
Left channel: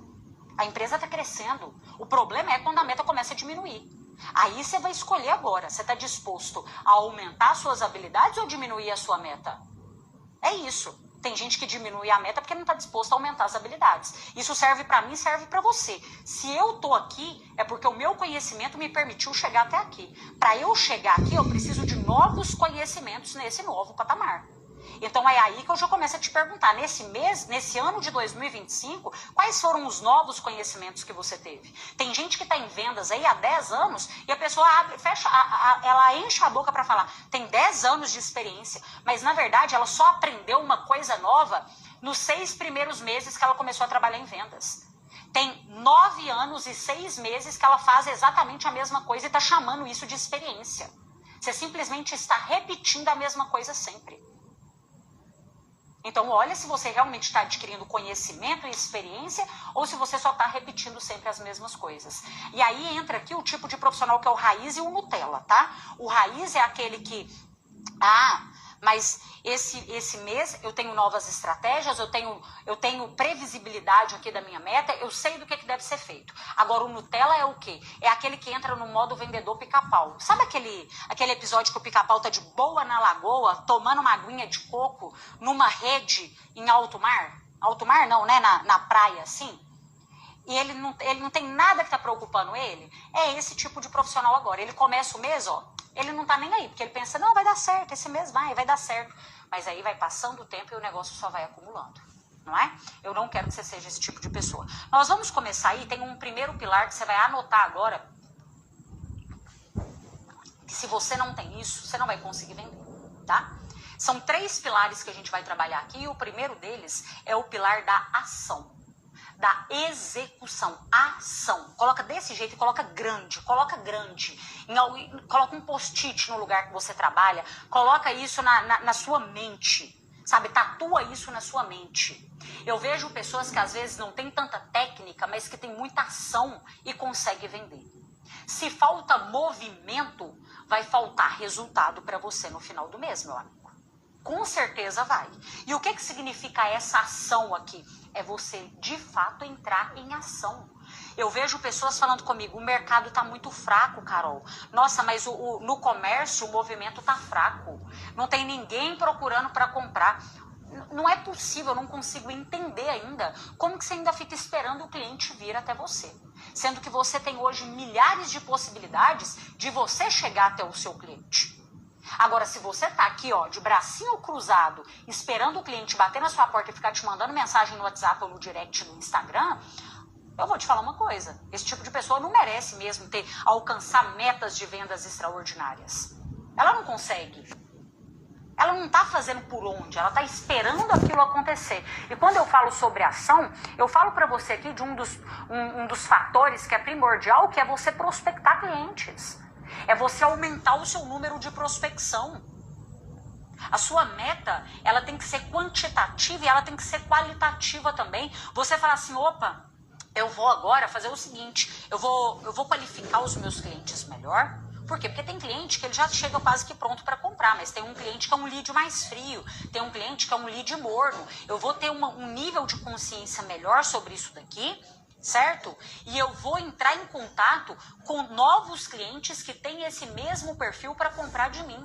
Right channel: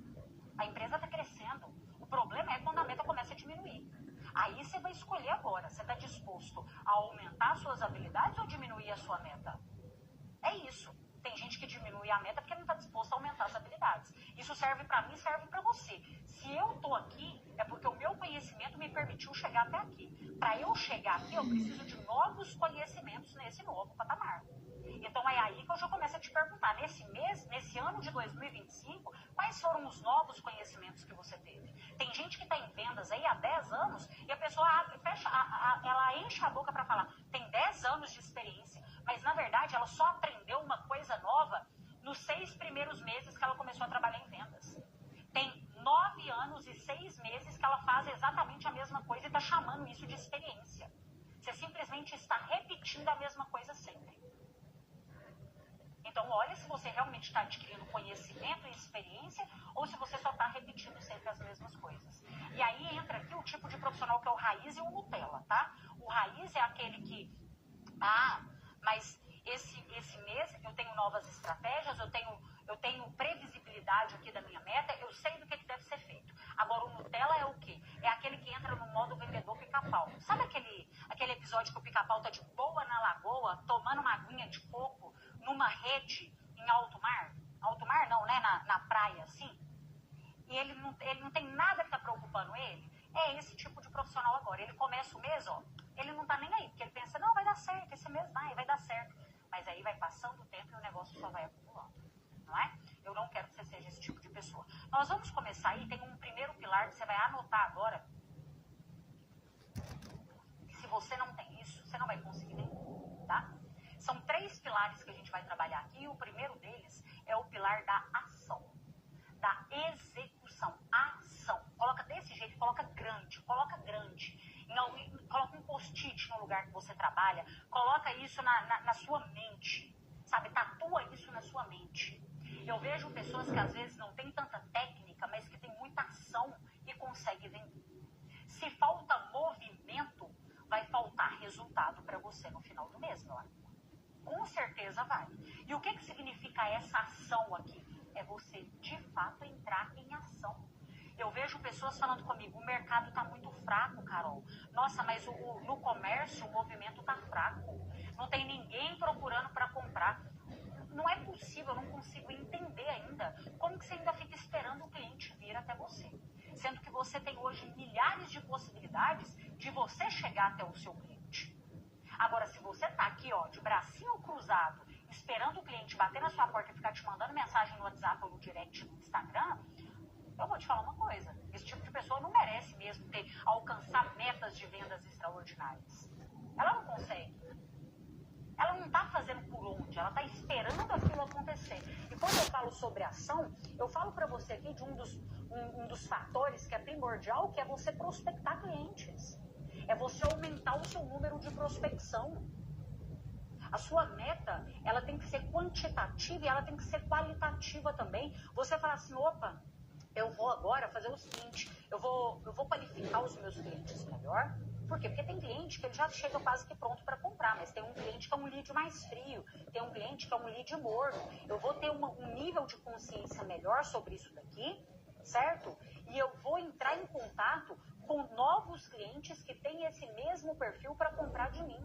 A empresa está crescendo. O problema é quando a meta começa a diminuir. Aí você vai escolher agora. Você está disposto a aumentar suas habilidades ou diminuir a sua meta? É isso. Tem gente que diminui a meta porque não está disposto a aumentar as habilidades. Isso serve para mim, serve para você. Se eu estou aqui, é porque o meu conhecimento me permitiu chegar até aqui. Para eu chegar aqui, eu preciso de novos conhecimentos nesse novo patamar. Então é aí que eu já começo a te perguntar, nesse ano de 2025, quais foram os novos conhecimentos que você teve? Tem gente que está em vendas aí há 10 anos e a pessoa ela enche a boca para falar, tem 10 anos de experiência, mas na verdade ela só aprendeu uma coisa nova nos 6 primeiros meses que ela começou a trabalhar em vendas. Tem 9 anos e 6 meses que ela faz exatamente a mesma coisa e está chamando isso de experiência. Você simplesmente está repetindo a mesma coisa sempre. Então, olha se você realmente está adquirindo conhecimento e experiência ou se você só está repetindo sempre as mesmas coisas. E aí entra aqui o tipo de profissional que é o raiz e o Nutella, tá? O raiz é aquele que, mas esse mês eu tenho novas estratégias, eu tenho previsibilidade aqui da minha meta, eu sei do que deve ser feito. Agora, o Nutella é o quê? É aquele que entra no modo vendedor pica-pau. Sabe aquele episódio que o pica-pau tá de boa na lagoa, tomando uma aguinha de coco numa rede em alto mar? Alto mar não, né? Na praia, assim. E ele não tem nada que tá preocupando ele. É esse tipo de profissional agora. Ele começa o mês, ele não tá nem aí, porque ele pensa, não, vai dar certo, esse mês vai dar certo. Mas aí vai passando o tempo e o negócio só vai acumulando, não é? Eu não quero que você seja esse tipo de pessoa. Nós vamos começar aí, tem um primeiro pilar que você vai anotar agora, que se você não tem isso, você não vai conseguir vender, tá? São 3 pilares que a gente vai trabalhar aqui, e o primeiro deles é o pilar da ação. Da execução, ação. Coloca desse jeito e coloca grande. Coloca um post-it no lugar que você trabalha. Coloca isso na sua mente, sabe? Tatua isso na sua mente. Eu vejo pessoas que às vezes não têm tanta técnica, mas que têm muita ação e conseguem vender. Se falta movimento, vai faltar resultado para você no final do mês, meu amigo. Com certeza vai. E o que significa essa ação aqui? É você, de fato, entrar em ação. Eu vejo pessoas falando comigo, o mercado está muito fraco, Carol. Nossa, mas no comércio o movimento está fraco. Não tem ninguém procurando para comprar. Não é possível, eu não consigo entender ainda como que você ainda fica esperando o cliente vir até você. Sendo que você tem hoje milhares de possibilidades de você chegar até o seu cliente. Agora, se você tá aqui, de bracinho cruzado, esperando o cliente bater na sua porta e ficar te mandando mensagem no WhatsApp ou no direct no Instagram, eu vou te falar uma coisa. Esse tipo de pessoa não merece mesmo alcançar metas de vendas extraordinárias. Ela não consegue. Ela não tá fazendo por onde, ela tá esperando aquilo acontecer. E quando eu falo sobre ação, eu falo para você aqui de um dos fatores que é primordial, que é você prospectar clientes. É você aumentar o seu número de prospecção. A sua meta, ela tem que ser quantitativa e ela tem que ser qualitativa também. Você fala assim, opa, eu vou agora fazer o seguinte, eu vou qualificar os meus clientes melhor. Por quê? Porque tem cliente que ele já chega quase que pronto para comprar, mas tem um cliente que é um lead mais frio, tem um cliente que é um lead morno. Eu vou ter um nível de consciência melhor sobre isso daqui, certo? E eu vou entrar em contato com novos clientes que têm esse mesmo perfil para comprar de mim.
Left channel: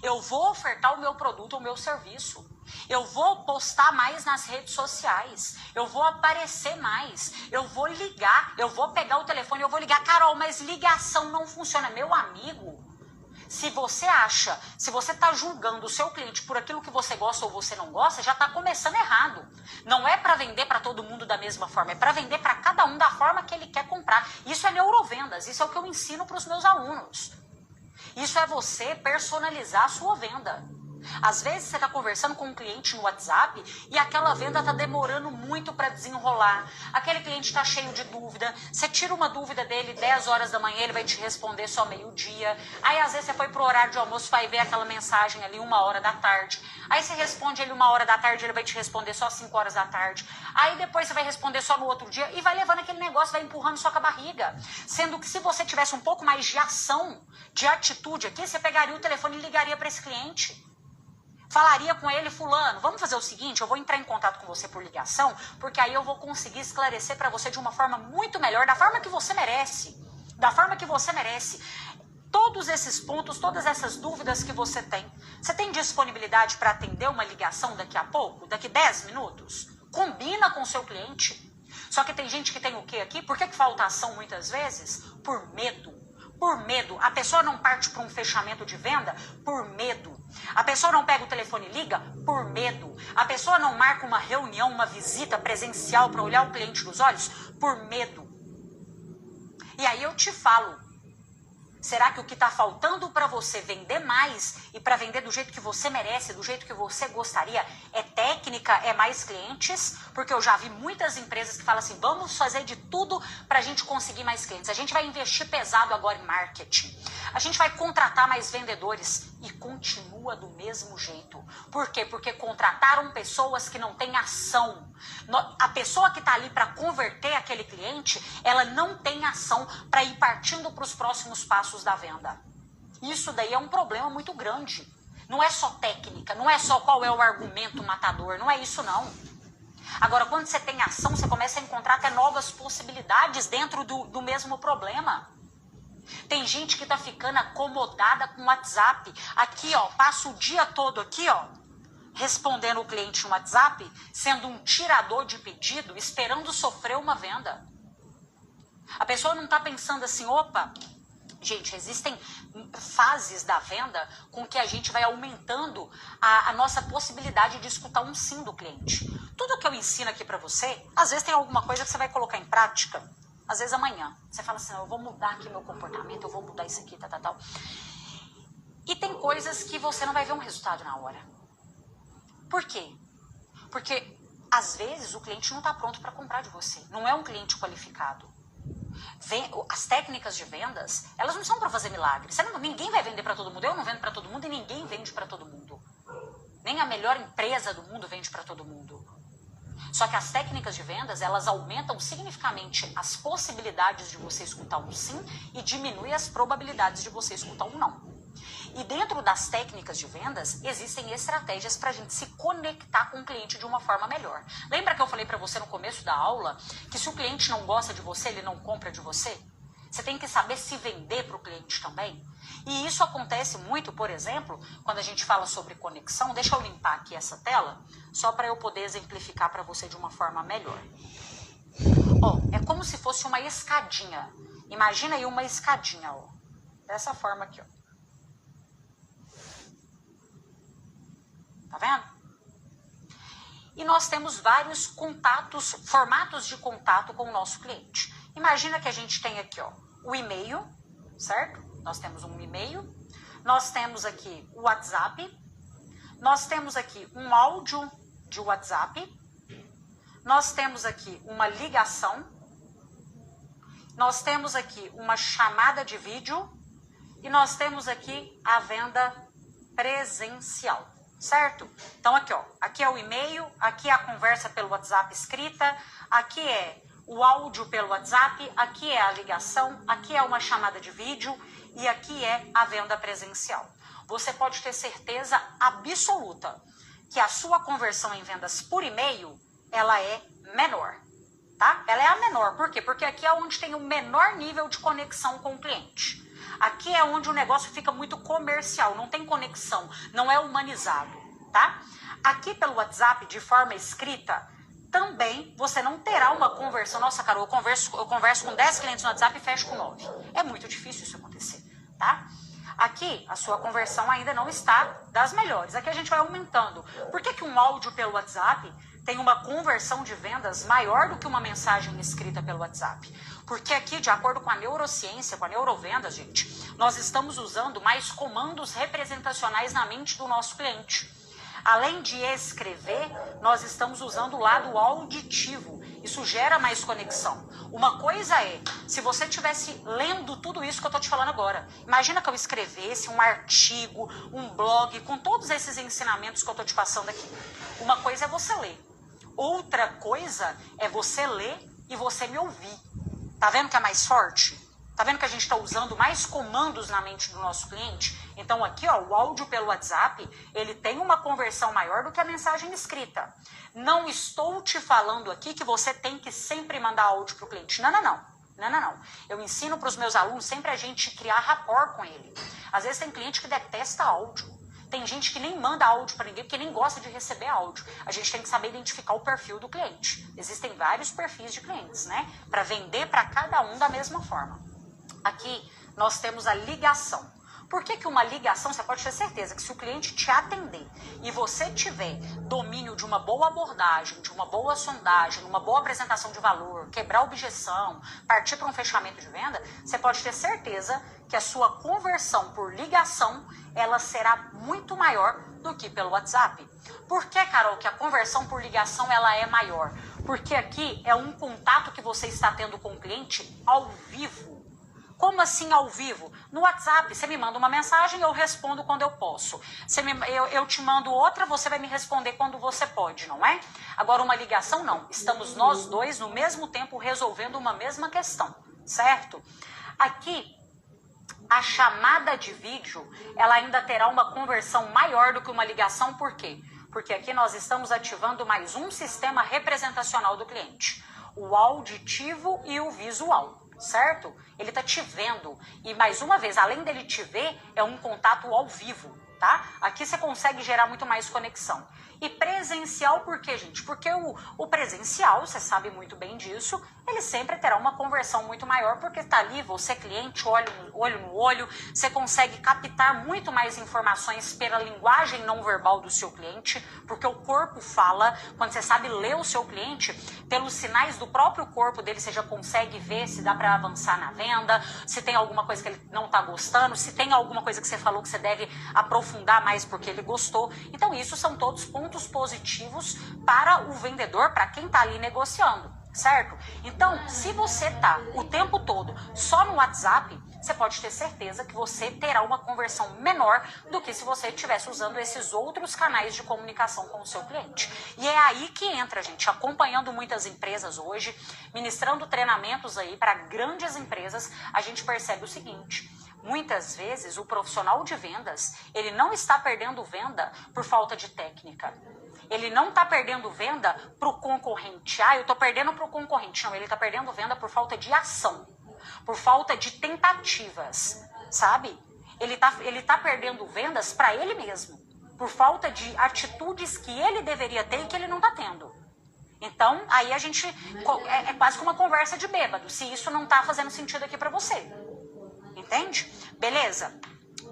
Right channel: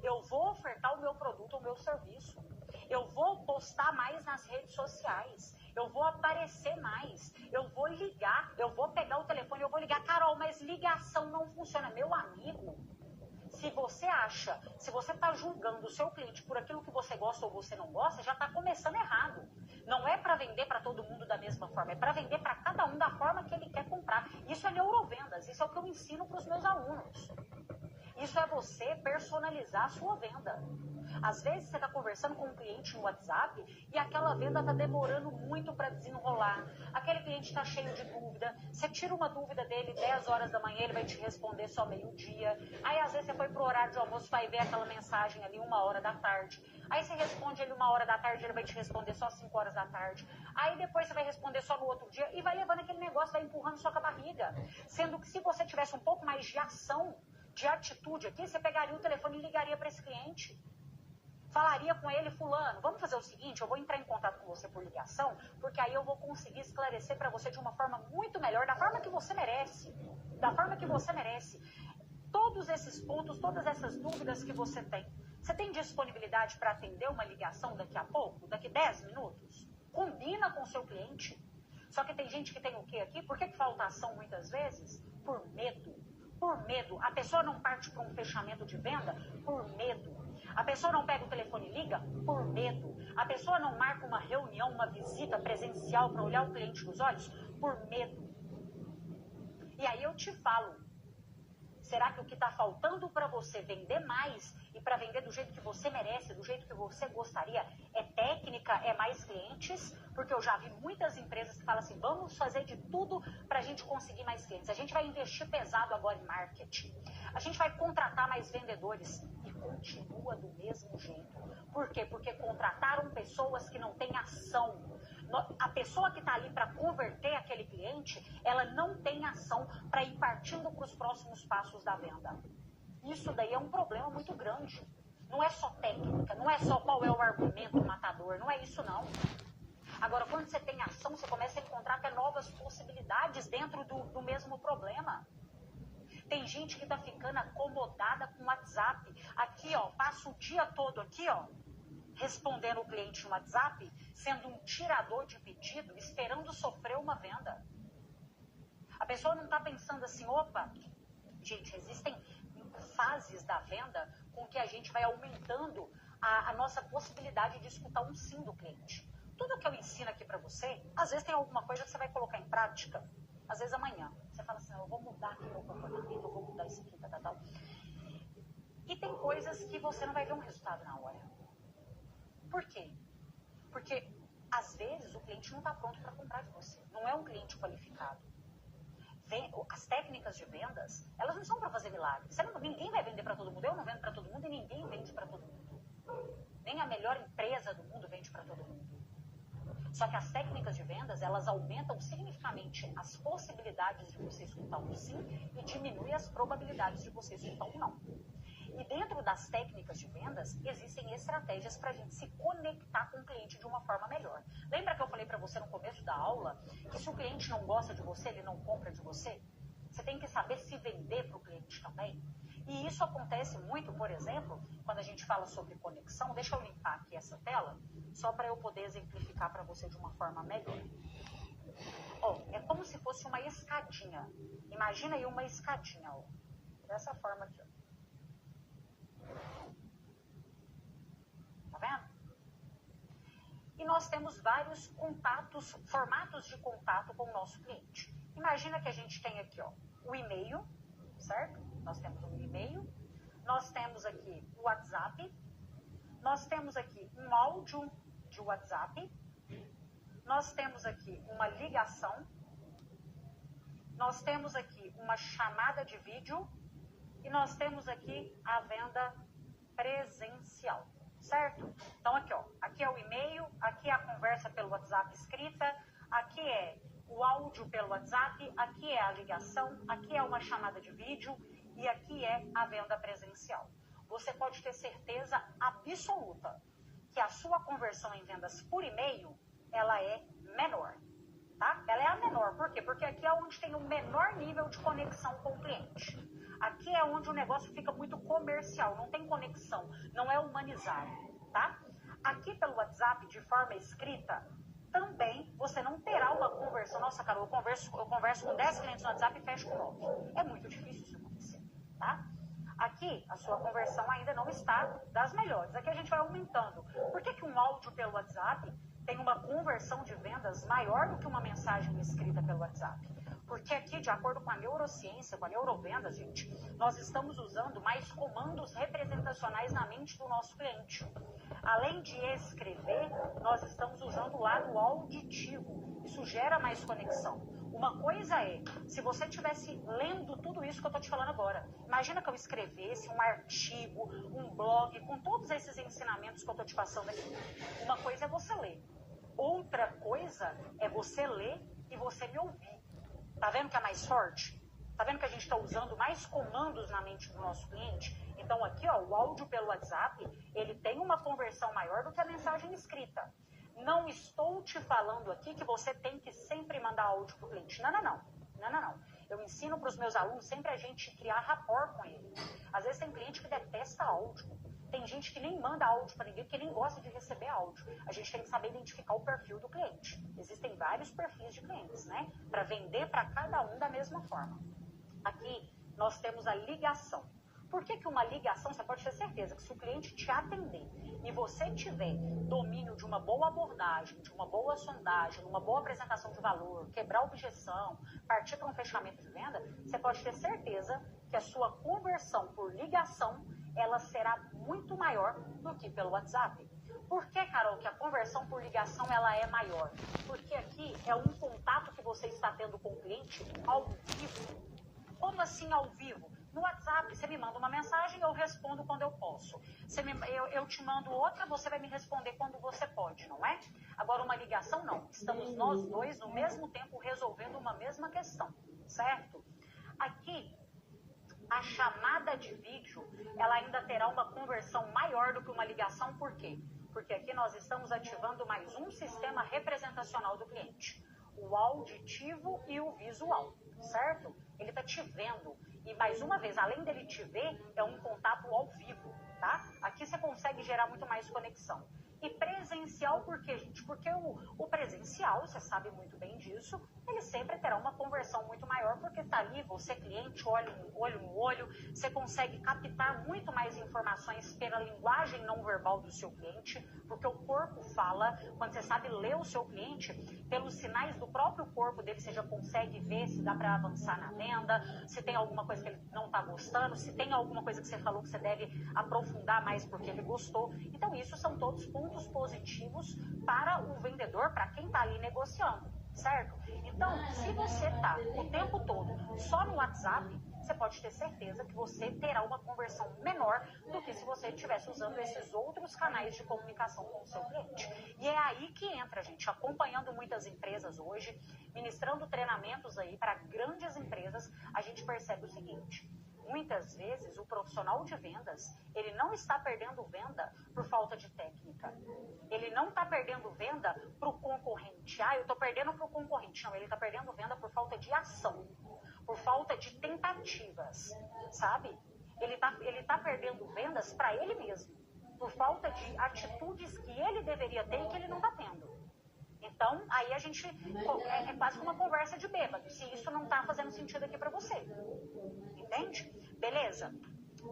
Eu vou ofertar o meu produto, o meu serviço. Eu vou postar mais nas redes sociais. Eu vou aparecer mais. Eu vou ligar. Eu vou pegar o telefone e eu vou ligar. Carol, mas ligação não funciona. Meu amigo, se você está julgando o seu cliente por aquilo que você gosta ou você não gosta, já está começando errado. Não é para vender para todo mundo da mesma forma, é para vender para cada um da forma que ele quer comprar. Isso é neurovendas, isso é o que eu ensino para os meus alunos. Isso é você personalizar a sua venda. Às vezes você está conversando com um cliente no WhatsApp e aquela venda está demorando muito para desenrolar. Aquele cliente está cheio de dúvida. Você tira uma dúvida dele 10 horas da manhã, ele vai te responder só meio-dia. Aí às vezes você foi pro horário de almoço, vai ver aquela mensagem ali 1 hora da tarde. Aí você responde ele 1 hora da tarde, ele vai te responder só 5 horas da tarde. Aí depois você vai responder só no outro dia e vai levando aquele negócio, vai empurrando só com a barriga. Sendo que se você tivesse um pouco mais de ação, de atitude aqui, você pegaria o telefone e ligaria para esse cliente. Falaria com ele, fulano, vamos fazer o seguinte, eu vou entrar em contato com você por ligação, porque aí eu vou conseguir esclarecer para você de uma forma muito melhor, da forma que você merece. Da forma que você merece. Todos esses pontos, todas essas dúvidas que você tem. Você tem disponibilidade para atender uma ligação daqui a pouco? Daqui 10 minutos? Combina com o seu cliente. Só que tem gente que tem o quê aqui? Por que falta ação muitas vezes? Por medo. Por medo. A pessoa não parte para um fechamento de venda por medo. A pessoa não pega o telefone e liga por medo. A pessoa não marca uma reunião, uma visita presencial para olhar o cliente nos olhos por medo. E aí eu te falo, Será que o que está faltando para você vender mais e para vender do jeito que você merece, do jeito que você gostaria, é técnica, é mais clientes? Porque eu já vi muitas empresas que falam assim, vamos fazer de tudo para a gente conseguir mais clientes. A gente vai investir pesado agora em marketing. A gente vai contratar mais vendedores e continua do mesmo jeito. Por quê? Porque contrataram pessoas que não têm ação. A pessoa que está ali para converter aquele cliente, ela não tem ação para ir partindo para os próximos passos da venda. Isso daí é um problema muito grande. Não é só técnica, não é só qual é o argumento matador, não é isso não. Agora, quando você tem ação, você começa a encontrar até novas possibilidades dentro do mesmo problema. Tem gente que tá ficando acomodada com o WhatsApp. Aqui, ó, passa o dia todo aqui, ó, respondendo o cliente no WhatsApp, sendo um tirador de pedido, esperando sofrer uma venda. A pessoa não tá pensando assim, opa, gente, existem fases da venda com que a gente vai aumentando a nossa possibilidade de escutar um sim do cliente. Tudo que eu ensino aqui pra você, às vezes tem alguma coisa que você vai colocar em prática. Às vezes amanhã, você fala assim, eu vou mudar aqui meu comportamento, eu vou mudar isso aqui, tal. E tem coisas que você não vai ver um resultado na hora. Por quê? Porque, às vezes, o cliente não está pronto para comprar de você. Não é um cliente qualificado. As técnicas de vendas, elas não são para fazer milagres. Ninguém vai vender para todo mundo. Eu não vendo para todo mundo e ninguém vende para todo mundo. Nem a melhor empresa do mundo vende para todo mundo. Só que as técnicas de vendas, elas aumentam significativamente as possibilidades de você escutar um sim e diminui as probabilidades de você escutar um não. E dentro das técnicas de vendas, existem estratégias para a gente se conectar com o cliente de uma forma melhor. Lembra que eu falei para você no começo da aula que se o cliente não gosta de você, ele não compra de você? Você tem que saber se vender para o cliente também. E isso acontece muito, por exemplo, quando a gente fala sobre conexão. Deixa eu limpar aqui essa tela, só para eu poder exemplificar para você de uma forma melhor. Ó, é como se fosse uma escadinha. Imagina aí uma escadinha, ó. Dessa forma aqui, ó. Tá vendo? E nós temos vários contatos, formatos de contato com o nosso cliente. Imagina que a gente tem aqui, ó, o e-mail, certo? Nós temos um e-mail, nós temos aqui o WhatsApp, nós temos aqui um áudio de WhatsApp, nós temos aqui uma ligação, nós temos aqui uma chamada de vídeo e nós temos aqui a venda presencial, certo? Então aqui, ó, aqui é o e-mail, aqui é a conversa pelo WhatsApp escrita, aqui é o áudio pelo WhatsApp, aqui é a ligação, aqui é uma chamada de vídeo e aqui é a venda presencial. Você pode ter certeza absoluta que a sua conversão em vendas por e-mail, ela é menor, tá? Ela é a menor, por quê? Porque aqui é onde tem o menor nível de conexão com o cliente. Aqui é onde o negócio fica muito comercial, não tem conexão, não é humanizado, tá? Aqui pelo WhatsApp, de forma escrita, também você não terá uma conversão. Nossa, Carol, eu converso com 10 clientes no WhatsApp e fecho com 9. É muito difícil isso acontecer, tá? Aqui, a sua conversão ainda não está das melhores. Aqui a gente vai aumentando. Por que um áudio pelo WhatsApp tem uma conversão de vendas maior do que uma mensagem escrita pelo WhatsApp? Porque aqui, de acordo com a neurociência, com a neurovendas, gente, nós estamos usando mais comandos representacionais na mente do nosso cliente. Além de escrever, nós estamos usando o lado auditivo. Isso gera mais conexão. Uma coisa é, se você estivesse lendo tudo isso que eu estou te falando agora, imagina que eu escrevesse um artigo, um blog, com todos esses ensinamentos que eu estou te passando aqui. Uma coisa é você ler. Outra coisa é você ler e você me ouvir. Tá vendo que é mais forte? Tá vendo que a gente está usando mais comandos na mente do nosso cliente? Então aqui, ó, o áudio pelo WhatsApp, ele tem uma conversão maior do que a mensagem escrita. Não estou te falando aqui que você tem que sempre mandar áudio para o cliente. Não. Eu ensino para os meus alunos sempre a gente criar rapport com ele. Às vezes tem cliente que detesta áudio. Tem gente que nem manda áudio para ninguém porque nem gosta de receber áudio. A gente tem que saber identificar o perfil do cliente. Existem vários perfis de clientes, né? Para vender para cada um da mesma forma. Aqui nós temos a ligação. Por que que uma ligação, você pode ter certeza que se o cliente te atender e você tiver domínio de uma boa abordagem, de uma boa sondagem, uma boa apresentação de valor, quebrar objeção, partir para um fechamento de venda, você pode ter certeza que a sua conversão por ligação, ela será muito maior do que pelo WhatsApp. Por que, Carol, que a conversão por ligação ela é maior? Porque aqui é um contato que você está tendo com o cliente ao vivo. Como assim ao vivo? No WhatsApp, você me manda uma mensagem, eu respondo quando eu posso. Eu te mando outra, você vai me responder quando você pode, não é? Agora, uma ligação, não. Estamos nós dois, no mesmo tempo, resolvendo uma mesma questão, certo? Aqui, a chamada de vídeo, ela ainda terá uma conversão maior do que uma ligação, por quê? Porque aqui nós estamos ativando mais um sistema representacional do cliente. O auditivo e o visual. Certo? Ele tá te vendo. E mais uma vez, além dele te ver, é um contato ao vivo, tá? Aqui você consegue gerar muito mais conexão. E presencial por quê, gente? Porque o presencial, você sabe muito bem disso, ele sempre terá uma conversão muito maior, porque tá ali, você cliente, olho no olho, você consegue captar muito mais informações pela linguagem não verbal do seu cliente, porque o corpo fala, quando você sabe ler o seu cliente, pelos sinais do próprio corpo dele, você já consegue ver se dá para avançar na venda, se tem alguma coisa que ele não tá gostando, se tem alguma coisa que você falou que você deve aprofundar mais porque ele gostou. Então isso são todos pontos positivos para o vendedor, para quem tá ali negociando. Certo? Então, se você tá o tempo todo só no WhatsApp, você pode ter certeza que você terá uma conversão menor do que se você estivesse usando esses outros canais de comunicação com o seu cliente. E é aí que entra, gente, acompanhando muitas empresas hoje, ministrando treinamentos aí para grandes empresas, a gente percebe o seguinte: muitas vezes o profissional de vendas, ele não está perdendo venda por falta de técnica. Ele não está perdendo venda para o concorrente. Ah, eu estou perdendo para o concorrente. Não, ele está perdendo venda por falta de ação, por falta de tentativas, sabe? Ele tá perdendo vendas para ele mesmo, por falta de atitudes que ele deveria ter e que ele não está tendo. Então, aí a gente... É quase que uma conversa de bêbado, se isso não está fazendo sentido aqui para você. Entende? Beleza?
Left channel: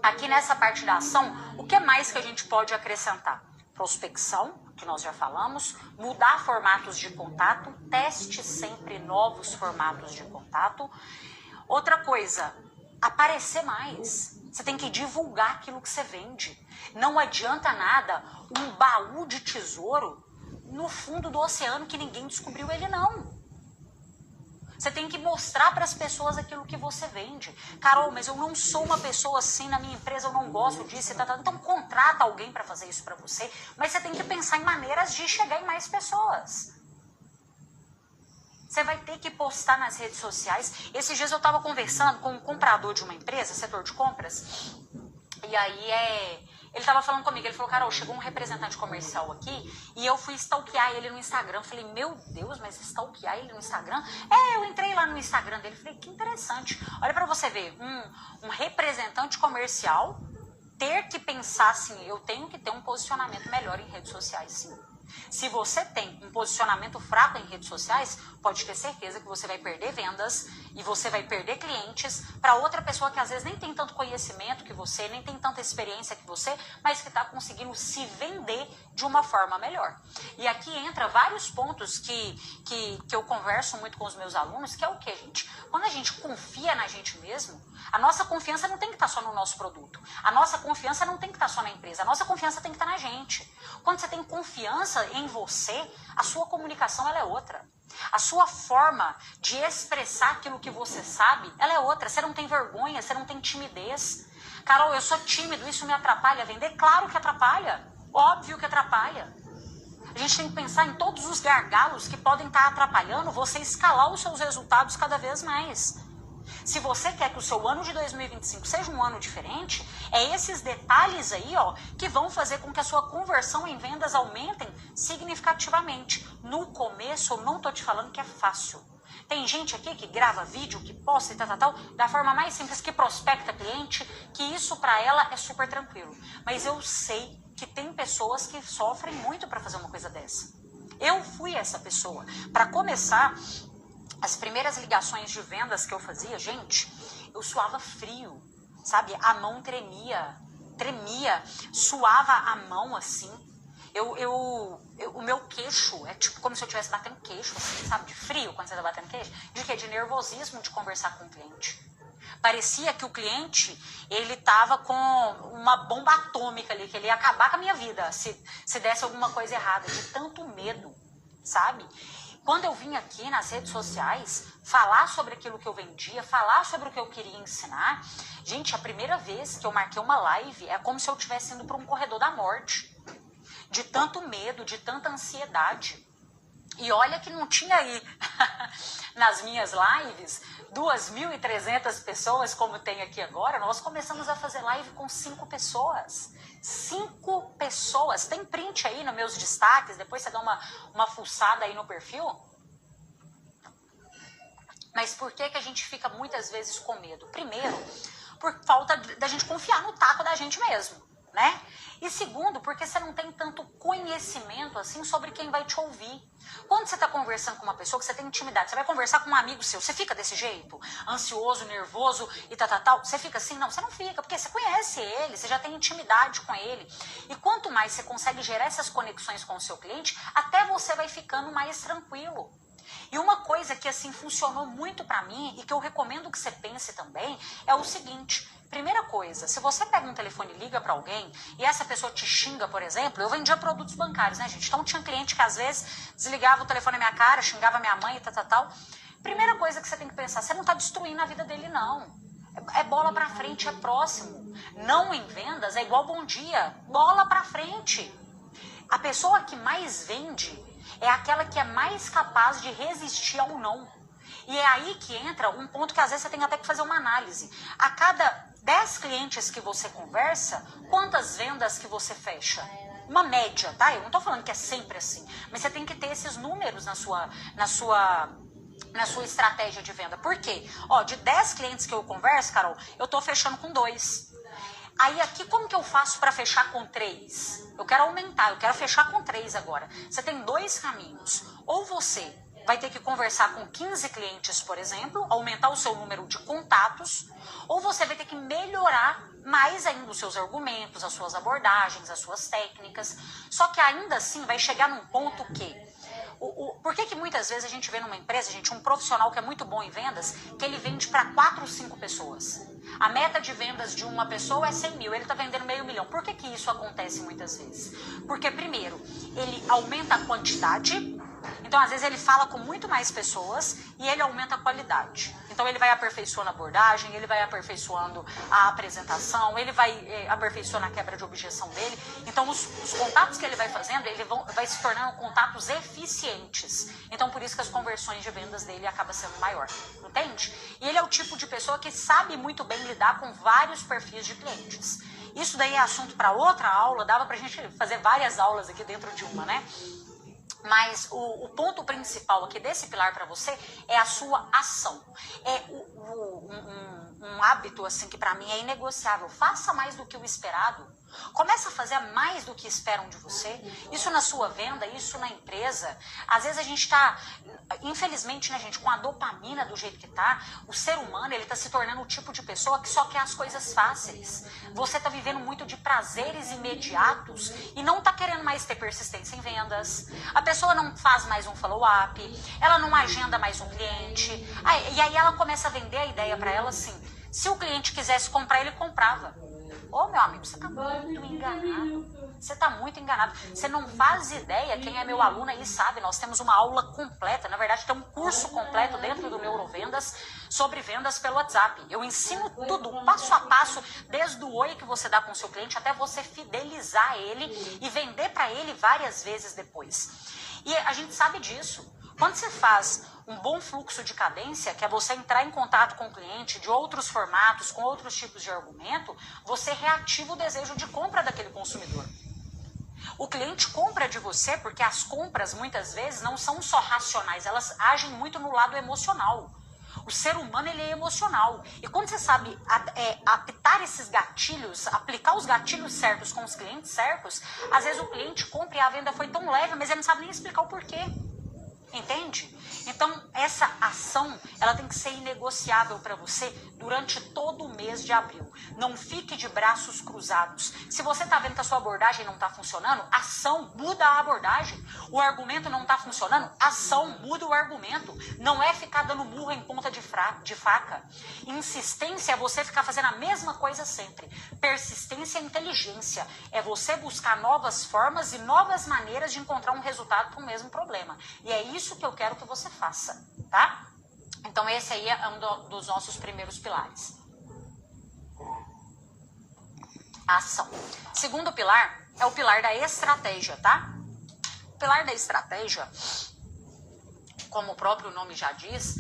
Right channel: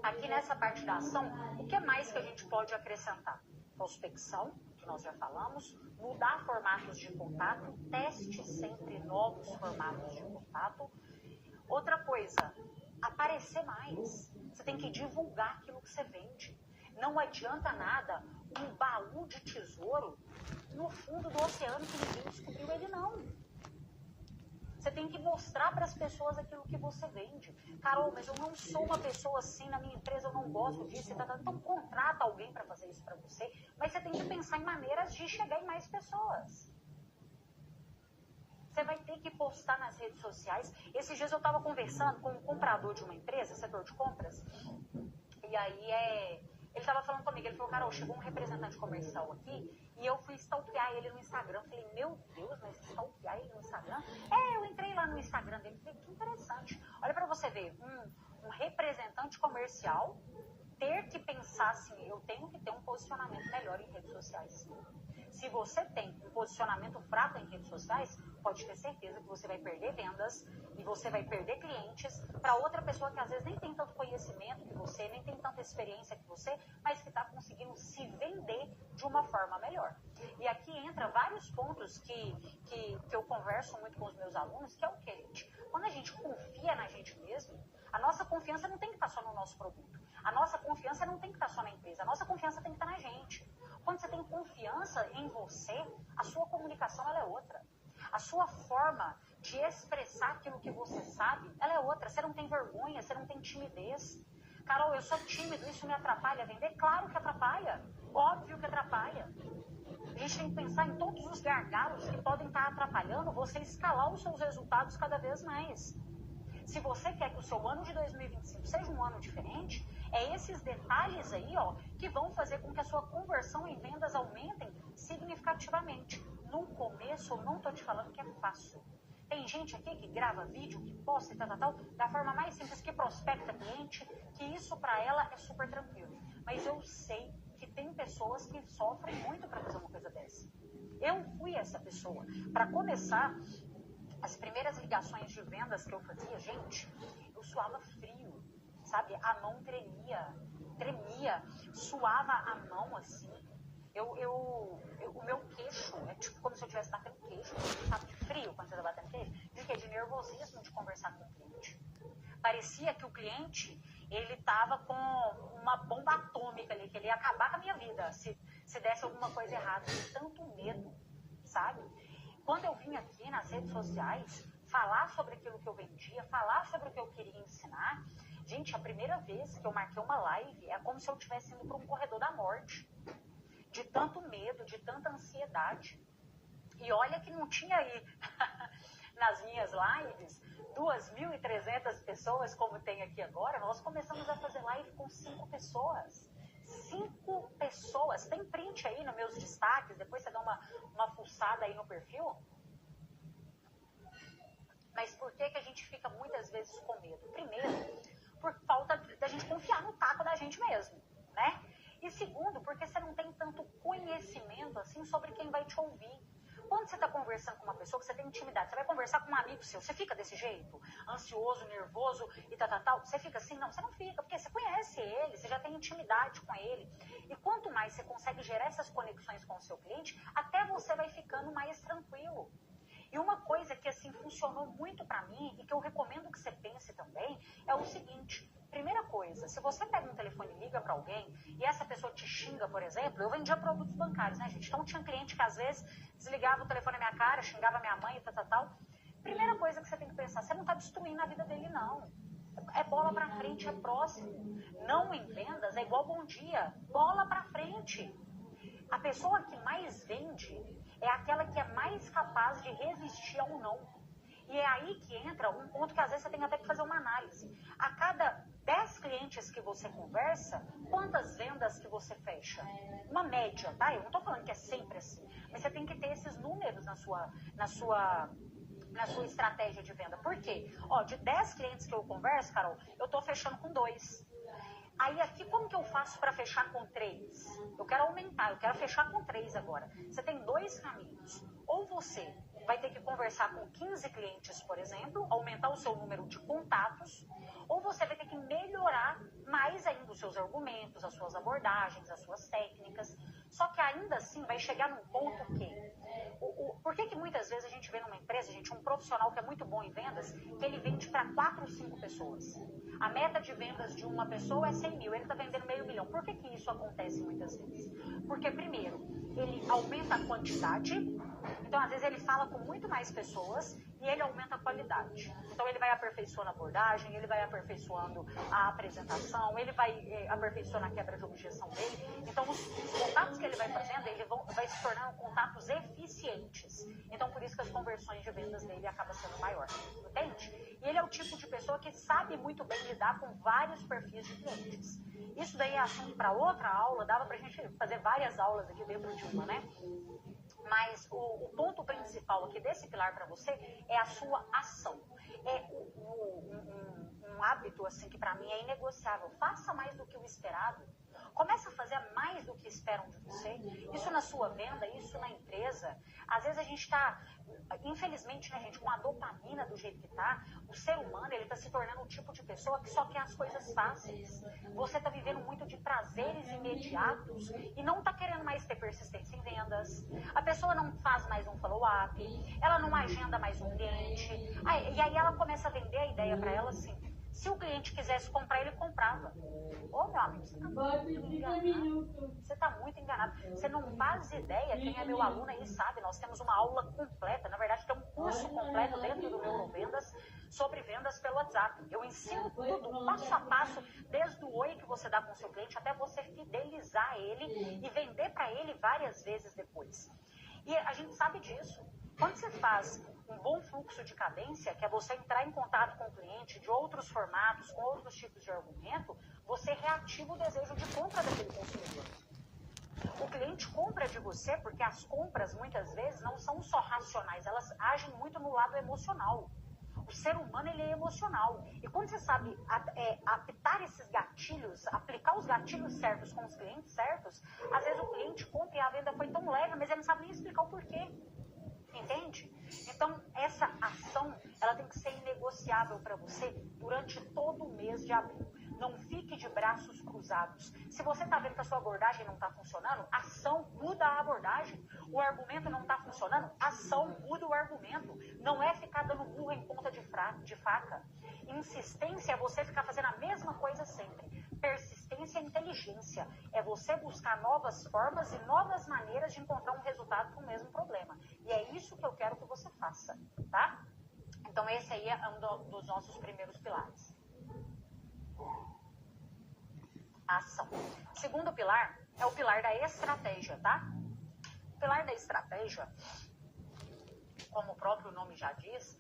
Aqui nessa parte da ação, o que mais que a gente pode acrescentar? Prospecção, que nós já falamos, mudar formatos de contato, teste sempre novos formatos de contato. Outra coisa, aparecer mais. Você tem que divulgar aquilo que você vende. Não adianta nada um baú de tesouro no fundo do oceano que ninguém descobriu ele não. Você tem que mostrar para as pessoas aquilo que você vende. Carol, mas eu não sou uma pessoa assim na minha empresa, eu não gosto disso. Então contrata alguém para fazer isso para você. Mas você tem que pensar em maneiras de chegar em mais pessoas. Você vai ter que postar nas redes sociais. Esses dias eu estava conversando com um comprador de uma empresa, setor de compras. E aí ele estava falando comigo, ele falou: Carol, chegou um representante comercial aqui e eu fui stalkear ele no Instagram. Eu falei: meu Deus, mas stalkear ele no Instagram? Eu entrei lá no Instagram dele, falei: que interessante. Olha para você ver, um representante comercial ter que pensar assim: eu tenho que ter um posicionamento melhor em redes sociais, sim. Se você tem um posicionamento fraco em redes sociais, pode ter certeza que você vai perder vendas e você vai perder clientes para outra pessoa que às vezes nem tem tanto conhecimento que você, nem tem tanta experiência que você, mas que está conseguindo se vender de uma forma melhor. E aqui entra vários pontos que eu converso muito com os meus alunos, que é o que, gente? Quando a gente confia na gente mesmo, a nossa confiança não tem que estar só no nosso produto. A nossa confiança não tem que estar só na empresa. A nossa confiança tem que estar na gente. Quando você tem confiança em você, a sua comunicação ela é outra. A sua forma de expressar aquilo que você sabe, ela é outra. Você não tem vergonha, você não tem timidez. Carol, eu sou tímido, isso me atrapalha a vender? Claro que atrapalha. Óbvio que atrapalha. A gente tem que pensar em todos os gargalos que podem estar atrapalhando você escalar os seus resultados cada vez mais. Se você quer que o seu ano de 2025 seja um ano diferente, é esses detalhes aí, ó, que vão fazer com que a sua conversão em vendas aumentem significativamente. No começo, eu não tô te falando que é fácil. Tem gente aqui que grava vídeo, que posta e tal, da forma mais simples, que prospecta cliente, que isso para ela é super tranquilo. Mas eu sei que tem pessoas que sofrem muito para fazer uma coisa dessa. Eu fui essa pessoa. Para começar, as primeiras ligações de vendas que eu fazia, gente, eu suava frio. sabe? A mão tremia, suava a mão assim. O meu queixo é tipo como se eu estivesse batendo queixo, assim, sabe? De frio quando você tá batendo queixo. De quê? De nervosismo de conversar com o cliente. Parecia que o cliente, ele tava com uma bomba atômica ali, que ele ia acabar com a minha vida se desse alguma coisa errada, de tanto medo, sabe? Quando eu vim aqui nas redes sociais falar sobre aquilo que eu vendia, falar sobre o que eu queria ensinar, gente, a primeira vez que eu marquei uma live é como se eu estivesse indo para um corredor da morte, de tanto medo, de tanta ansiedade. E olha que não tinha aí nas minhas lives 2.300 pessoas como tem aqui agora. Nós começamos a fazer live com 5 pessoas. 5 pessoas. Tem print aí nos meus destaques, depois você dá uma fuçada aí no perfil. Mas por que a gente fica muitas vezes com medo? Primeiro, por falta da gente confiar no taco da gente mesmo, né? E segundo, porque você não tem tanto conhecimento assim sobre quem vai te ouvir. Quando você está conversando com uma pessoa que você tem intimidade, você vai conversar com um amigo seu, você fica desse jeito? Ansioso, nervoso e tal? Você fica assim? Não, você não fica, porque você conhece ele, você já tem intimidade com ele. E quanto mais você consegue gerar essas conexões com o seu cliente, até você vai ficando mais tranquilo. E uma coisa que assim funcionou muito pra mim e que eu recomendo que você pense também é o seguinte: primeira coisa, se você pega um telefone e liga pra alguém e essa pessoa te xinga, por exemplo, eu vendia produtos bancários, né, gente? Então tinha cliente que às vezes desligava o telefone na minha cara, xingava minha mãe e tal. Primeira coisa que você tem que pensar, você não tá destruindo a vida dele, não. É bola pra frente, é próximo. Não em vendas é igual bom dia, bola pra frente. A pessoa que mais vende é aquela que é mais capaz de resistir ao não. E é aí que entra um ponto que às vezes você tem até que fazer uma análise. A cada 10 clientes que você conversa, quantas vendas que você fecha? Uma média, tá? Eu não tô falando que é sempre assim, mas você tem que ter esses números na sua estratégia de venda. Por quê? Ó, de 10 clientes que eu converso, Carol, eu tô fechando com 2. Aí aqui, como que eu faço para fechar com 3? Eu quero aumentar, eu quero fechar com 3 agora. Você tem 2 caminhos. Ou você vai ter que conversar com 15 clientes, por exemplo, aumentar o seu número de contatos, ou você vai ter que melhorar mais ainda os seus argumentos, as suas abordagens, as suas técnicas. Só que ainda assim vai chegar num ponto que... Por que muitas vezes a gente vê numa empresa, gente, um profissional que é muito bom em vendas, que ele vende para 4 ou 5 pessoas? A meta de vendas de uma pessoa é 100 mil, ele está vendendo meio milhão. Por que isso acontece muitas vezes? Porque, primeiro, ele aumenta a quantidade, então às vezes ele fala com muito mais pessoas e ele aumenta a qualidade. Então ele vai aperfeiçoando a abordagem, ele vai aperfeiçoando a apresentação, ele vai aperfeiçoando a quebra de objeção dele. Então os contatos que ele vai fazendo, ele vai se tornando contatos eficientes. Então por isso que as conversões de vendas dele acabam sendo maior, entende? E ele é o tipo de pessoa que sabe muito bem lidar com vários perfis de clientes. Isso daí é assunto para outra aula, dava pra gente fazer várias aulas aqui dentro de uma, né? Mas o ponto principal aqui desse pilar para você é a sua ação. É um hábito assim que para mim é inegociável. Faça mais do que o esperado. Começa a fazer mais do que esperam de você. Isso na sua venda, isso na empresa. Às vezes a gente tá, infelizmente, né, gente, com a dopamina do jeito que tá, o ser humano, ele tá se tornando o tipo de pessoa que só quer as coisas fáceis. Você tá vivendo muito de prazeres imediatos e não tá querendo mais ter persistência em vendas. A pessoa não faz mais um follow-up, ela não agenda mais um cliente. E aí ela começa a vender a ideia para ela assim: se o cliente quisesse comprar, ele comprava. Ô, meu amigo, você tá muito enganado. Você tá muito enganado. Você não faz ideia, quem é meu aluno aí sabe, nós temos uma aula completa, na verdade tem um curso completo dentro do Neurovendas sobre vendas pelo WhatsApp. Eu ensino tudo, passo a passo, desde o oi que você dá com o seu cliente até você fidelizar ele e vender para ele várias vezes depois. E a gente sabe disso. Quando você faz um bom fluxo de cadência, que é você entrar em contato com o cliente de outros formatos, com outros tipos de argumento, você reativa o desejo de compra daquele consumidor. O cliente compra de você porque as compras, muitas vezes, não são só racionais, elas agem muito no lado emocional. O ser humano, ele é emocional. E quando você sabe apitar esses gatilhos, aplicar os gatilhos certos com os clientes certos, às vezes o cliente compra e a venda foi tão leve, mas ele não sabe nem explicar o porquê. Entende? Então, essa ação ação, ela tem que ser inegociável para você durante todo o mês de abril. Não fique de braços cruzados. Se você tá vendo que a sua abordagem não tá funcionando, ação, muda a abordagem. O argumento não tá funcionando, ação, muda o argumento. Não é ficar dando murro em ponta de faca. Insistência é você ficar fazendo a mesma coisa sempre. Persistência é inteligência. É você buscar novas formas e novas maneiras de encontrar um resultado para o mesmo problema. E é isso que eu quero que você faça, tá? Então esse aí é um dos nossos primeiros pilares. A ação. Segundo pilar é o pilar da estratégia, tá? O pilar da estratégia, como o próprio nome já diz,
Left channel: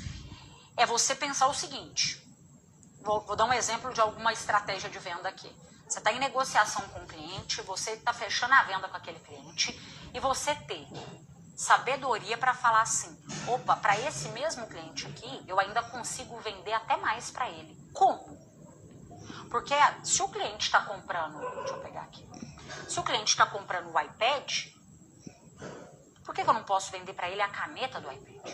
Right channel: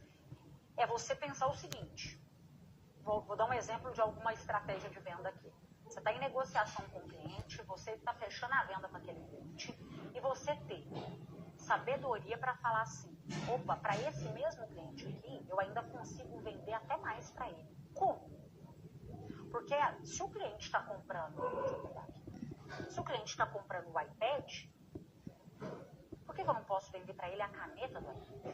é você pensar o seguinte. Vou dar um exemplo de alguma estratégia de venda aqui. Você está em negociação com o cliente, você está fechando a venda com aquele cliente e você ter sabedoria para falar assim, opa, para esse mesmo cliente aqui, eu ainda consigo vender até mais para ele. Como? Porque se o cliente está comprando, deixa eu pegar aqui, se o cliente está comprando o iPad, por que eu não posso vender para ele a caneta do iPad?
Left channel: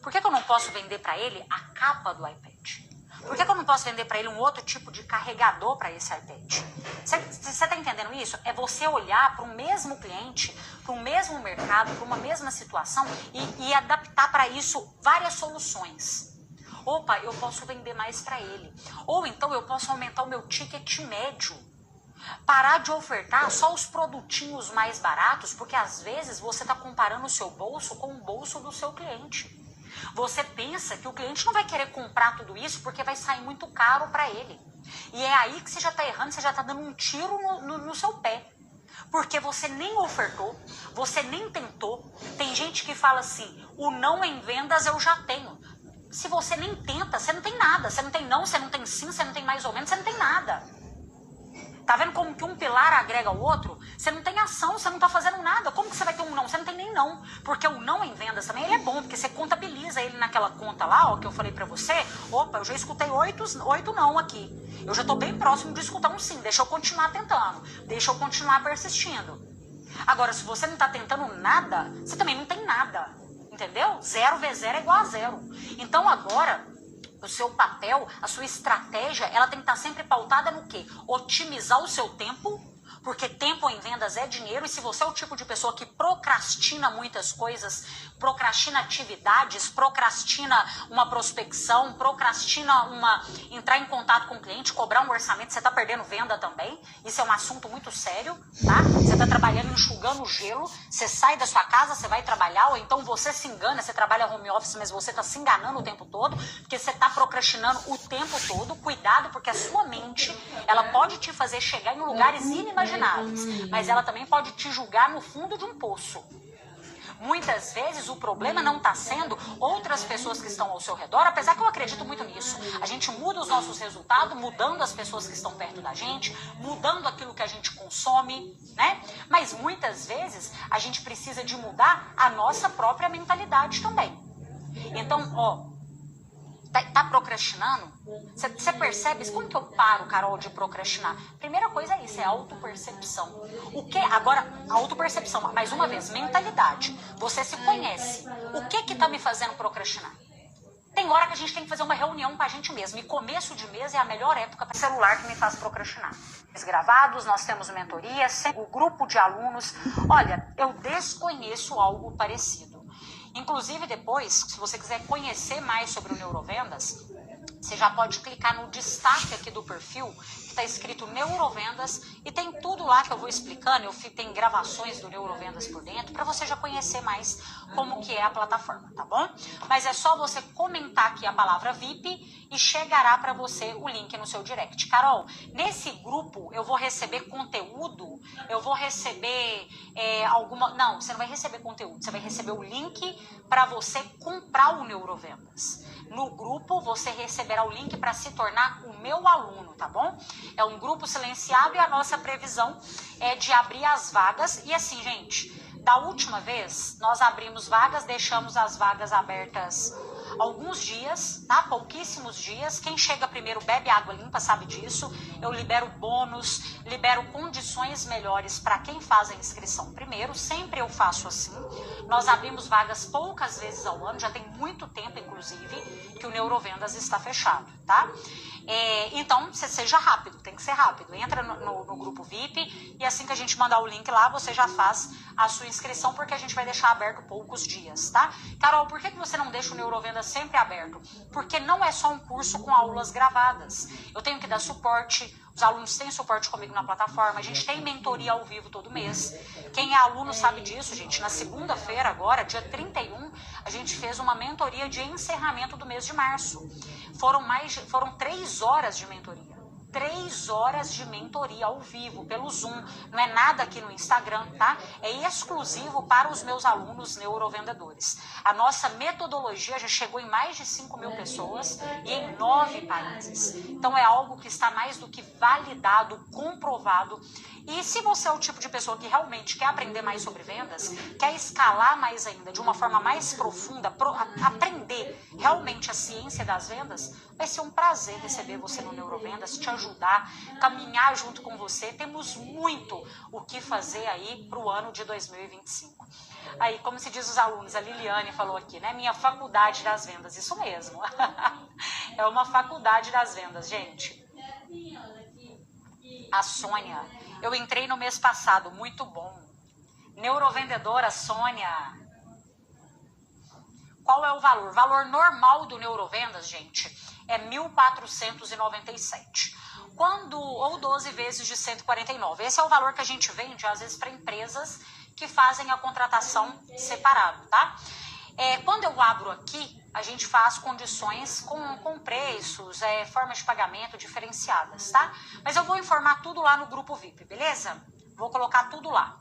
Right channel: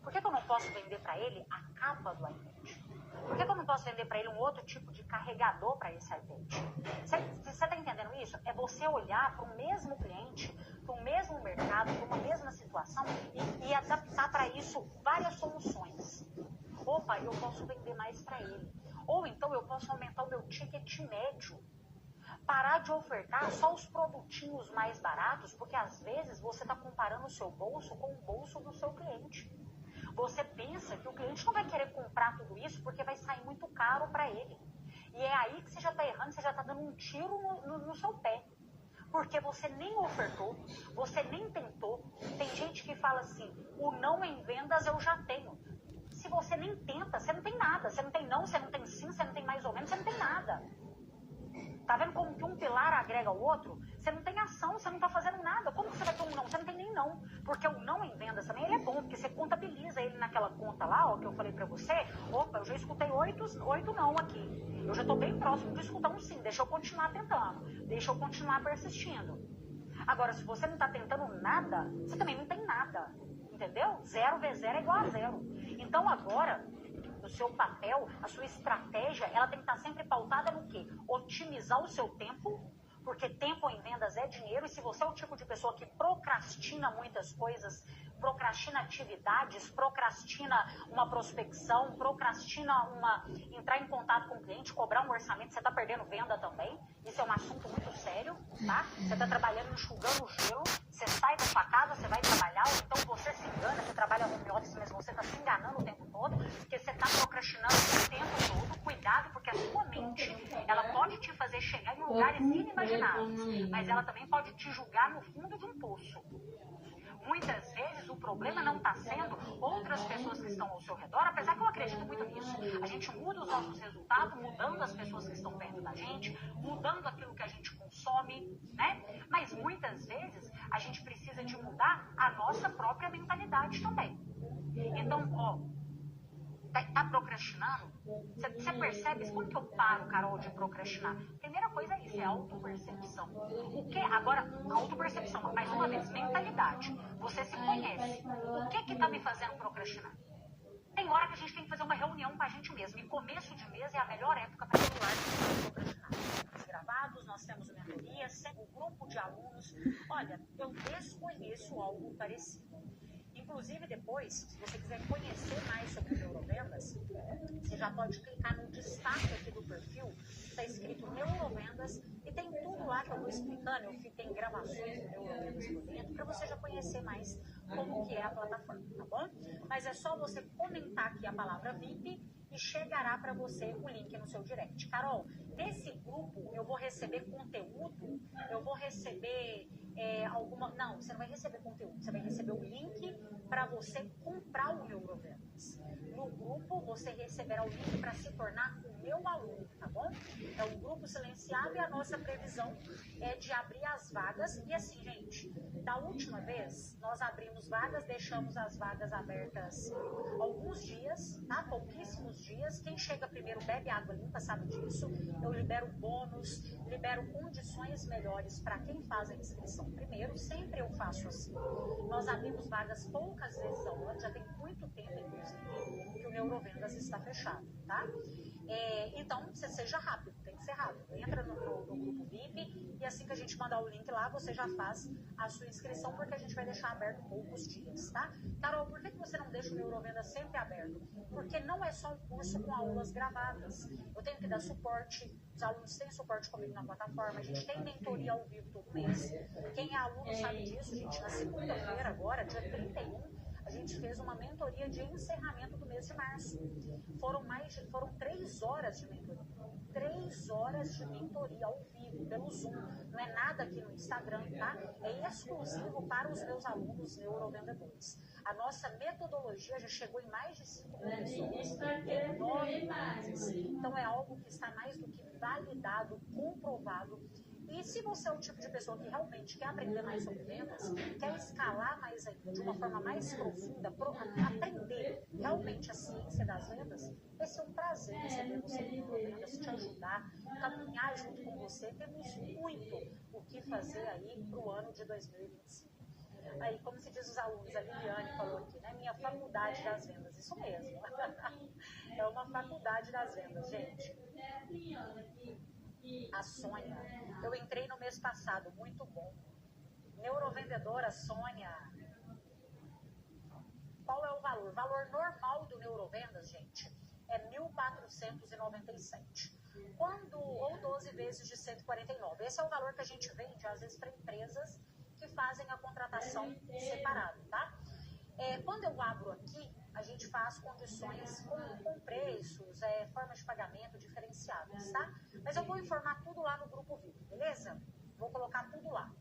Por que eu não posso vender para ele a capa do iPad? Por que eu não posso vender para ele um outro tipo de carregador para esse iPad? Você está entendendo isso? É você olhar para o mesmo cliente, para o mesmo mercado, para uma mesma situação e adaptar para isso várias soluções. Opa, eu posso vender mais para ele. Ou então eu posso aumentar o meu ticket médio. Parar de ofertar só os produtinhos mais baratos, porque às vezes você está comparando o seu bolso com o bolso do seu cliente. Você pensa que o cliente não vai querer comprar tudo isso porque vai sair muito caro para ele. E é aí que você já está errando, você já está dando um tiro no seu pé. Porque você nem ofertou, você nem tentou. Tem gente que fala assim, o não em vendas eu já tenho. Se você nem tenta, você não tem nada. Você não tem não, você não tem sim, você não tem mais ou menos, você não tem nada. Tá vendo como que um pilar agrega o outro? Você não tem ação, você não tá fazendo nada. Como que você vai ter um não? Você não tem nem não. Porque o não em vendas também, ele é bom, porque você contabiliza ele naquela conta lá, ó, que eu falei pra você. Opa, eu já escutei 8 não aqui. Eu já tô bem próximo de escutar um sim. Deixa eu continuar tentando. Deixa eu continuar persistindo. Agora, se você não tá tentando nada, você também não tem nada. Entendeu? 0 vezes 0 é igual a 0. Então agora, o seu papel, a sua estratégia, ela tem que estar sempre pautada no quê? Otimizar o seu tempo, porque tempo em vendas é dinheiro, e se você é o tipo de pessoa que procrastina muitas coisas, procrastina atividades, procrastina uma prospecção, procrastina entrar em contato com o cliente, cobrar um orçamento, você está perdendo venda também. Isso é um assunto muito sério, tá? Você está trabalhando enxugando gelo, você sai da sua casa, você vai trabalhar, ou então você se engana, você trabalha home office, mas você está se enganando o tempo todo, porque você está procrastinando o tempo todo. Cuidado, porque a sua mente, ela pode te fazer chegar em lugares inimagináveis, mas ela também pode te julgar no fundo de um poço. Muitas vezes o problema não está sendo outras pessoas que estão ao seu redor, apesar que eu acredito muito nisso. A gente muda os nossos resultados, mudando as pessoas que estão perto da gente, mudando aquilo que a gente consome, né? Mas muitas vezes a gente precisa de mudar a nossa própria mentalidade também. Então, ó, tá procrastinando? Você percebe? Como que eu paro, Carol, de procrastinar? Primeira coisa é isso, é autopercepção. O que? Agora, autopercepção, mais uma vez, mentalidade. Você se conhece. O que tá me fazendo procrastinar? Tem hora que a gente tem que fazer uma reunião com a gente mesmo. E começo de mês é a melhor época para celular que me faz procrastinar. Os gravados, nós temos mentoria, o grupo de alunos. Olha, eu desconheço algo parecido. Inclusive depois, se você quiser conhecer mais sobre o Neurovendas, você já pode clicar no destaque aqui do perfil, que está escrito Neurovendas, e tem tudo lá que eu vou explicando. Tem gravações do Neurovendas por dentro, para você já conhecer mais como que é a plataforma, tá bom? Mas é só você comentar aqui a palavra VIP e chegará para você o link no seu direct. Carol, nesse grupo eu vou receber conteúdo, eu vou receber Não, você não vai receber conteúdo, você vai receber o link para você comprar o Neurovendas. No grupo você receberá o link para se tornar o meu aluno, tá bom? É um grupo silenciado e a nossa previsão é de abrir as vagas. E assim, gente, Da última vez, nós abrimos vagas, deixamos as vagas abertas alguns dias, tá? Pouquíssimos dias. Quem chega primeiro bebe água limpa, sabe disso. Eu libero bônus, libero condições melhores para quem faz a inscrição primeiro. Sempre eu faço assim. Nós abrimos vagas poucas vezes ao ano, já tem muito tempo, inclusive, que o Neurovendas está fechado, tá? Então, você seja rápido, tem que ser rápido. Entra no grupo VIP e assim que a gente mandar o link lá, você já faz a sua inscrição, porque a gente vai deixar aberto poucos dias, tá? Carol, por que você não deixa o Neurovendas sempre aberto? Porque não é só um curso com aulas gravadas. Eu tenho que dar suporte, os alunos têm suporte comigo na plataforma, a gente tem mentoria ao vivo todo mês. Quem é aluno sabe disso, gente. Na segunda-feira agora, dia 31, a gente fez uma mentoria de encerramento do mês de março. Foram 3 horas de mentoria. 3 horas de mentoria ao vivo, pelo Zoom. Não é nada aqui no Instagram, tá? É exclusivo para os meus alunos neurovendedores. A nossa metodologia já chegou em mais de 5.000 pessoas e em 9 países. Então é algo que está mais do que validado, comprovado. E se você é o tipo de pessoa que realmente quer aprender mais sobre vendas, quer escalar mais ainda, de uma forma mais profunda, aprender realmente a ciência das vendas, vai ser um prazer receber você no Neurovendas, te ajudar, caminhar junto com você. Temos muito o que fazer aí para o ano de 2025. Aí, como se diz os alunos, a Liliane falou aqui, né? Minha faculdade das vendas, isso mesmo. É uma faculdade das vendas, gente. A Sônia, eu entrei no mês passado, muito bom. Neurovendedora Sônia. Qual é o valor? O valor normal do Neurovendas, gente, é R$ 1.497. Ou 12 vezes de 149. Esse é o valor que a gente vende, às vezes, para empresas que fazem a contratação separado, tá? Quando eu abro aqui, a gente faz condições com preços, formas de pagamento diferenciadas, tá? Mas eu vou informar tudo lá no grupo VIP, beleza? Vou colocar tudo lá.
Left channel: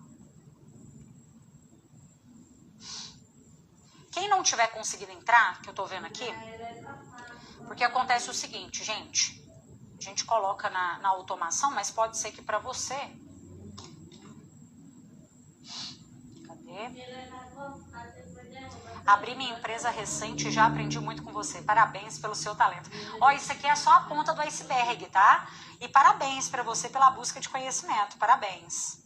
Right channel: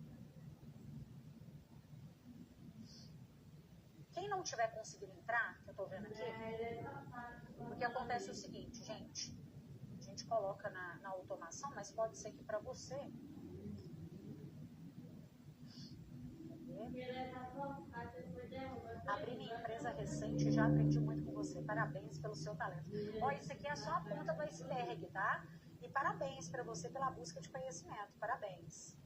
Quem não tiver conseguido entrar, que eu tô vendo aqui, porque acontece o seguinte, gente, a gente coloca na automação, mas pode ser que para você... Cadê? Abri minha empresa recente e já aprendi muito com você. Parabéns pelo seu talento. Ó, isso aqui é só a ponta do iceberg, tá? E parabéns para você pela busca de conhecimento. Parabéns.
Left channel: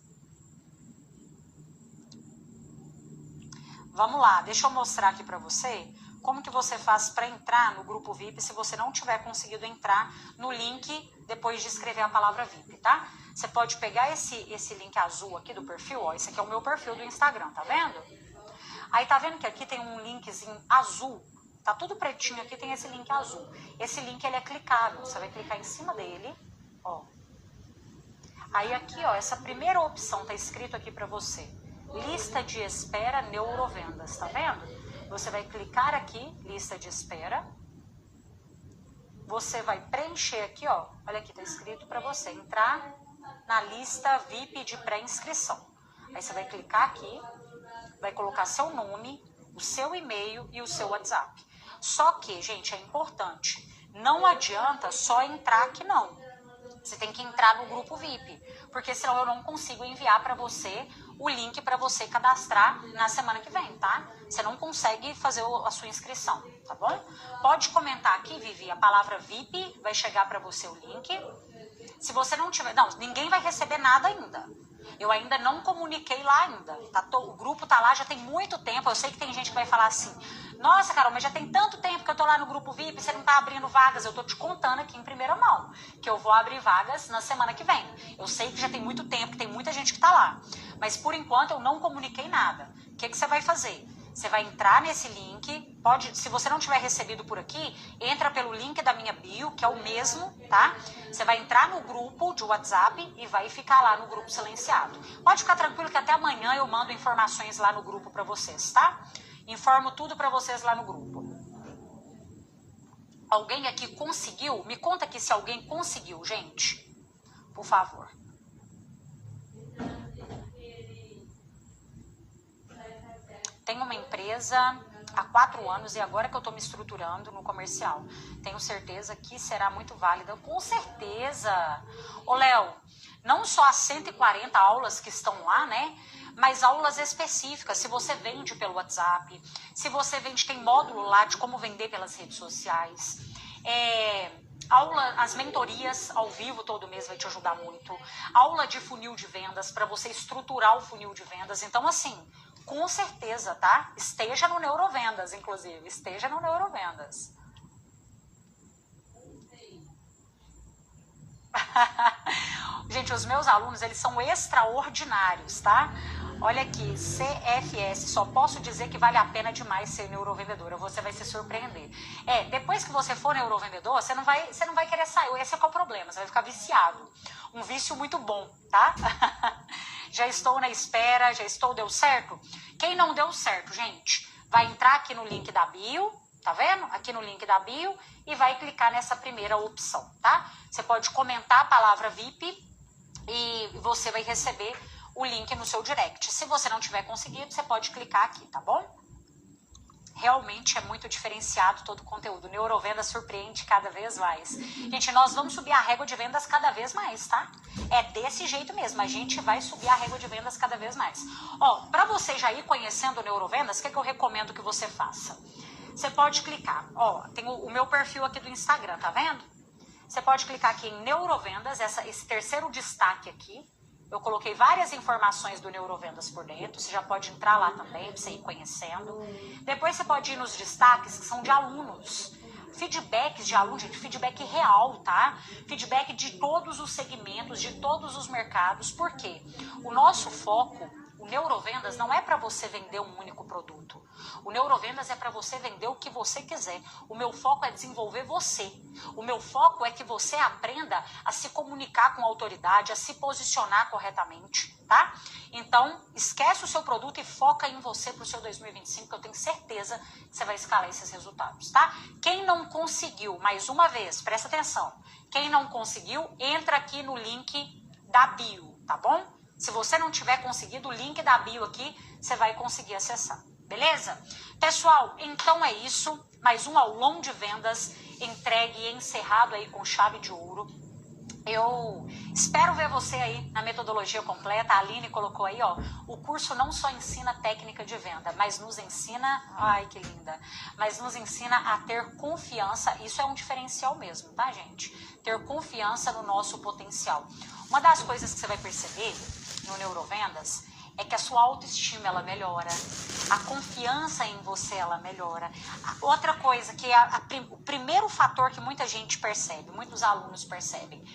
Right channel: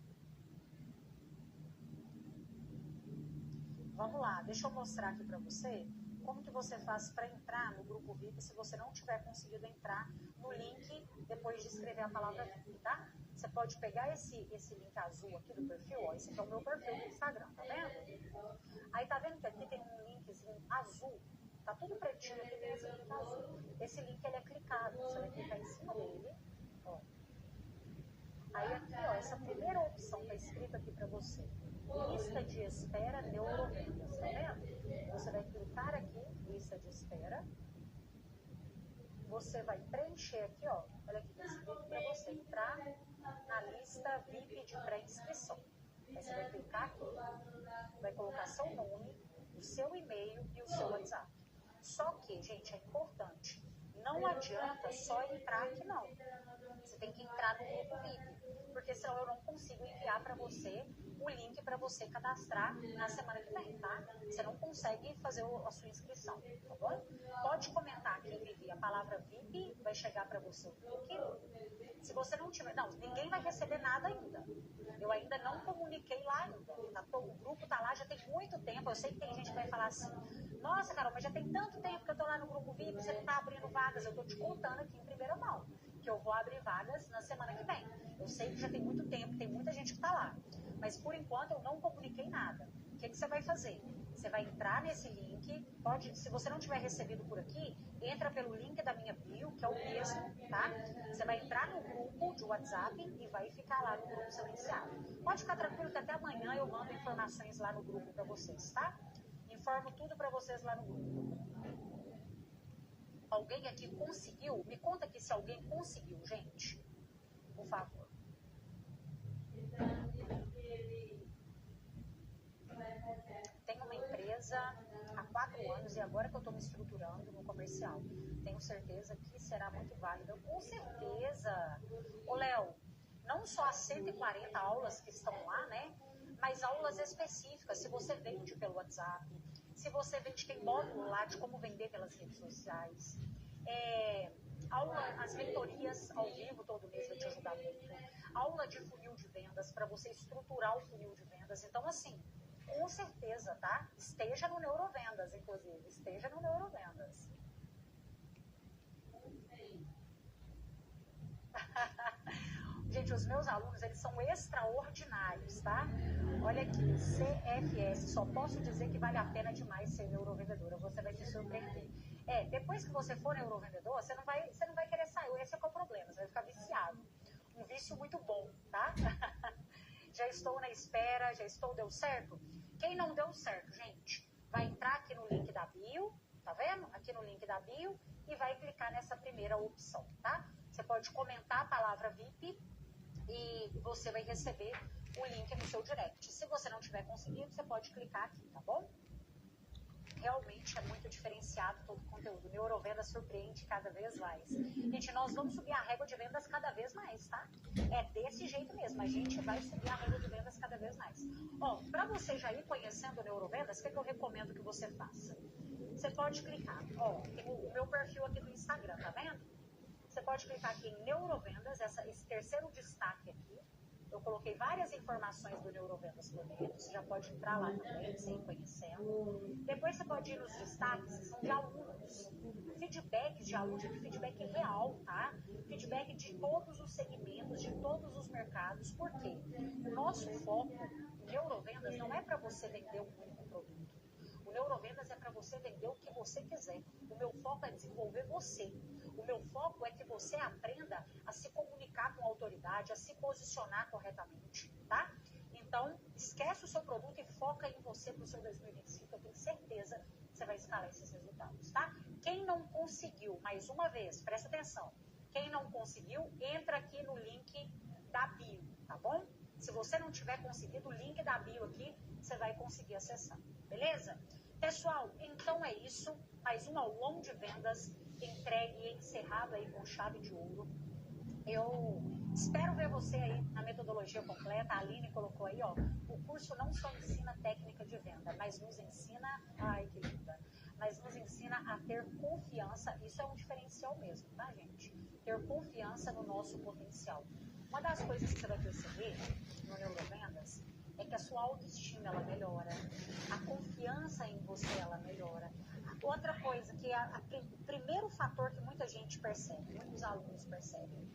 Vamos lá, deixa eu mostrar aqui para você como que você faz para entrar no grupo VIP se você não tiver conseguido entrar no link depois de escrever a palavra VIP, tá? Você pode pegar esse link azul aqui do perfil, ó, esse aqui é o meu perfil do Instagram, tá vendo? Aí tá vendo que aqui tem um linkzinho azul, tá tudo pretinho aqui, tem esse link azul. Esse link, ele é clicável, você vai clicar em cima dele, ó. Aí aqui, ó, essa primeira opção tá escrito aqui pra você, lista de espera Neurovendas, tá vendo? Você vai clicar aqui, lista de espera, você vai preencher aqui, ó, olha aqui, tá escrito pra você entrar na lista VIP de pré-inscrição. Aí você vai clicar aqui, vai colocar seu nome, o seu e-mail e o seu WhatsApp. Só que, gente, é importante, não adianta só entrar aqui não. Você tem que entrar no grupo VIP, porque senão eu não consigo enviar para você o link para você cadastrar na semana que vem, tá? Você não consegue fazer a sua inscrição, tá bom? Pode comentar aqui, Vivi, a palavra VIP, vai chegar para você o link. Se você não tiver... Não, ninguém vai receber nada ainda. Eu ainda não comuniquei lá ainda. O grupo tá lá já tem muito tempo. Eu sei que tem gente que vai falar assim, nossa, Carol, mas já tem tanto tempo que eu tô lá no grupo VIP, você não tá abrindo vagas. Eu tô te contando aqui em primeira mão, que eu vou abrir vagas na semana que vem. Eu sei que já tem muito tempo, que tem muita gente que tá lá. Mas por enquanto eu não comuniquei nada. O que você vai fazer? Você vai entrar nesse link, se você não tiver recebido por aqui, entra pelo link da minha bio, que é o mesmo, tá? Você vai entrar no grupo de WhatsApp e vai ficar lá no grupo silenciado. Pode ficar tranquilo que até amanhã eu mando informações lá no grupo para vocês, tá? Informo tudo para vocês lá no grupo. Alguém aqui conseguiu? Me conta aqui se alguém conseguiu, gente. Por favor. Tenho uma empresa há 4 anos e agora que eu estou me estruturando no comercial. Tenho certeza que será muito válida. Com certeza. Ô, Léo, não só as 140 aulas que estão lá, né? mas aulas específicas, se você vende pelo WhatsApp, se você vende, tem módulo lá de como vender pelas redes sociais, as mentorias ao vivo todo mês vai te ajudar muito, aula de funil de vendas, para você estruturar o funil de vendas. Então, assim, com certeza, tá? Esteja no Neurovendas, inclusive, esteja no Neurovendas. Gente, os meus alunos, eles são extraordinários, tá? Olha aqui, CFS, só posso dizer que vale a pena demais ser neurovendedora, você vai se surpreender. Depois que você for neurovendedor, você não vai querer sair, esse é qual o problema, você vai ficar viciado. Um vício muito bom, tá? Já estou na espera, deu certo? Quem não deu certo, gente, vai entrar aqui no link da bio, tá vendo? Aqui no link da bio e vai clicar nessa primeira opção, tá? Você pode comentar a palavra VIP e você vai receber o link no seu direct. Se você não tiver conseguido, você pode clicar aqui, tá bom? Realmente é muito diferenciado todo o conteúdo. Neurovenda surpreende cada vez mais. Gente, nós vamos subir a régua de vendas cada vez mais, tá? É desse jeito mesmo, a gente vai subir a régua de vendas cada vez mais. Ó, pra você já ir conhecendo o Neurovendas, o que eu recomendo que você faça? Você pode clicar, ó, tem o meu perfil aqui do Instagram, tá vendo? Você pode clicar aqui em Neurovendas, esse terceiro destaque aqui. Eu coloquei várias informações do Neurovendas por dentro, você já pode entrar lá também, pra você ir conhecendo. Depois você pode ir nos destaques, que são de alunos. Feedbacks de alunos, gente, feedback real, tá? Feedback de todos os segmentos, de todos os mercados. Por quê? O nosso foco, o Neurovendas, não é para você vender um único produto. O Neurovendas é para você vender o que você quiser. O meu foco é desenvolver você. O meu foco é que você aprenda a se comunicar com autoridade, a se posicionar corretamente, tá? Então, esquece o seu produto e foca em você para o seu 2025, que eu tenho certeza que você vai escalar esses resultados, tá? Quem não conseguiu, mais uma vez, presta atenção. Quem não conseguiu, entra aqui no link da bio, tá bom? Se você não tiver conseguido, o link da bio aqui, você vai conseguir acessar. Beleza? Pessoal, então é isso. Mais um aulão de vendas entregue e encerrado aí com chave de ouro. Eu espero ver você aí na metodologia completa. A Aline colocou aí, ó, o curso não só ensina técnica de venda, mas nos ensina, ai que linda, mas nos ensina a ter confiança. Isso é um diferencial mesmo, tá, gente? Ter confiança no nosso potencial. Uma das coisas que você vai perceber no Neurovendas é que a sua autoestima, ela melhora, a confiança em você, ela melhora. Outra coisa, que é o primeiro fator que muita gente percebe, muitos alunos percebem,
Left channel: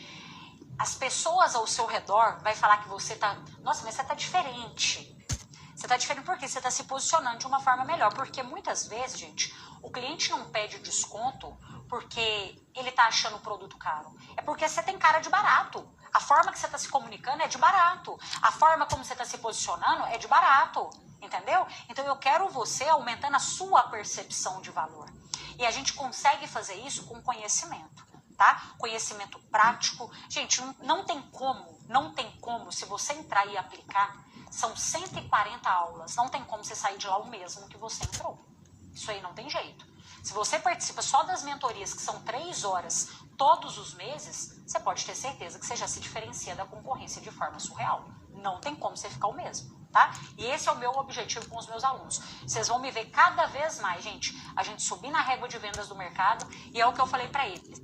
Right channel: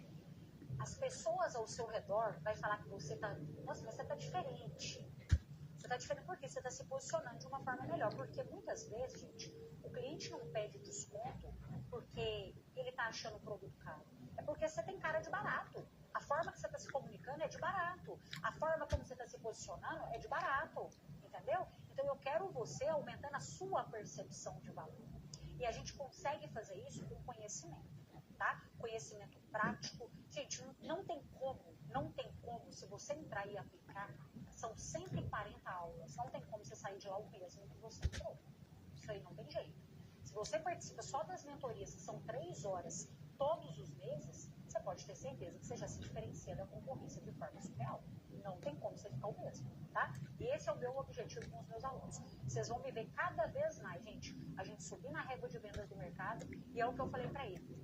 as pessoas ao seu redor vai falar que você tá, nossa, mas você tá diferente. Você tá diferente porque você tá se posicionando de uma forma melhor, porque muitas vezes, gente, o cliente não pede desconto porque ele tá achando o produto caro, é porque você tem cara de barato. A forma que você está se comunicando é de barato. A forma como você está se posicionando é de barato. Entendeu? Então eu quero você aumentando a sua percepção de valor. E a gente consegue fazer isso com conhecimento, tá? Conhecimento prático. Gente, não tem como, se você entrar e aplicar, são 140 aulas. Não tem como você sair de lá o mesmo que você entrou. Isso aí não tem jeito. Se você participa só das mentorias, que são 3 horas todos os meses, você pode ter certeza que você já se diferencia da concorrência de forma surreal. Não tem como você ficar o mesmo, tá? E esse é o meu objetivo com os meus alunos. Vocês vão me ver cada vez mais, gente, a gente subir na régua de vendas do mercado, e é o que eu falei para eles.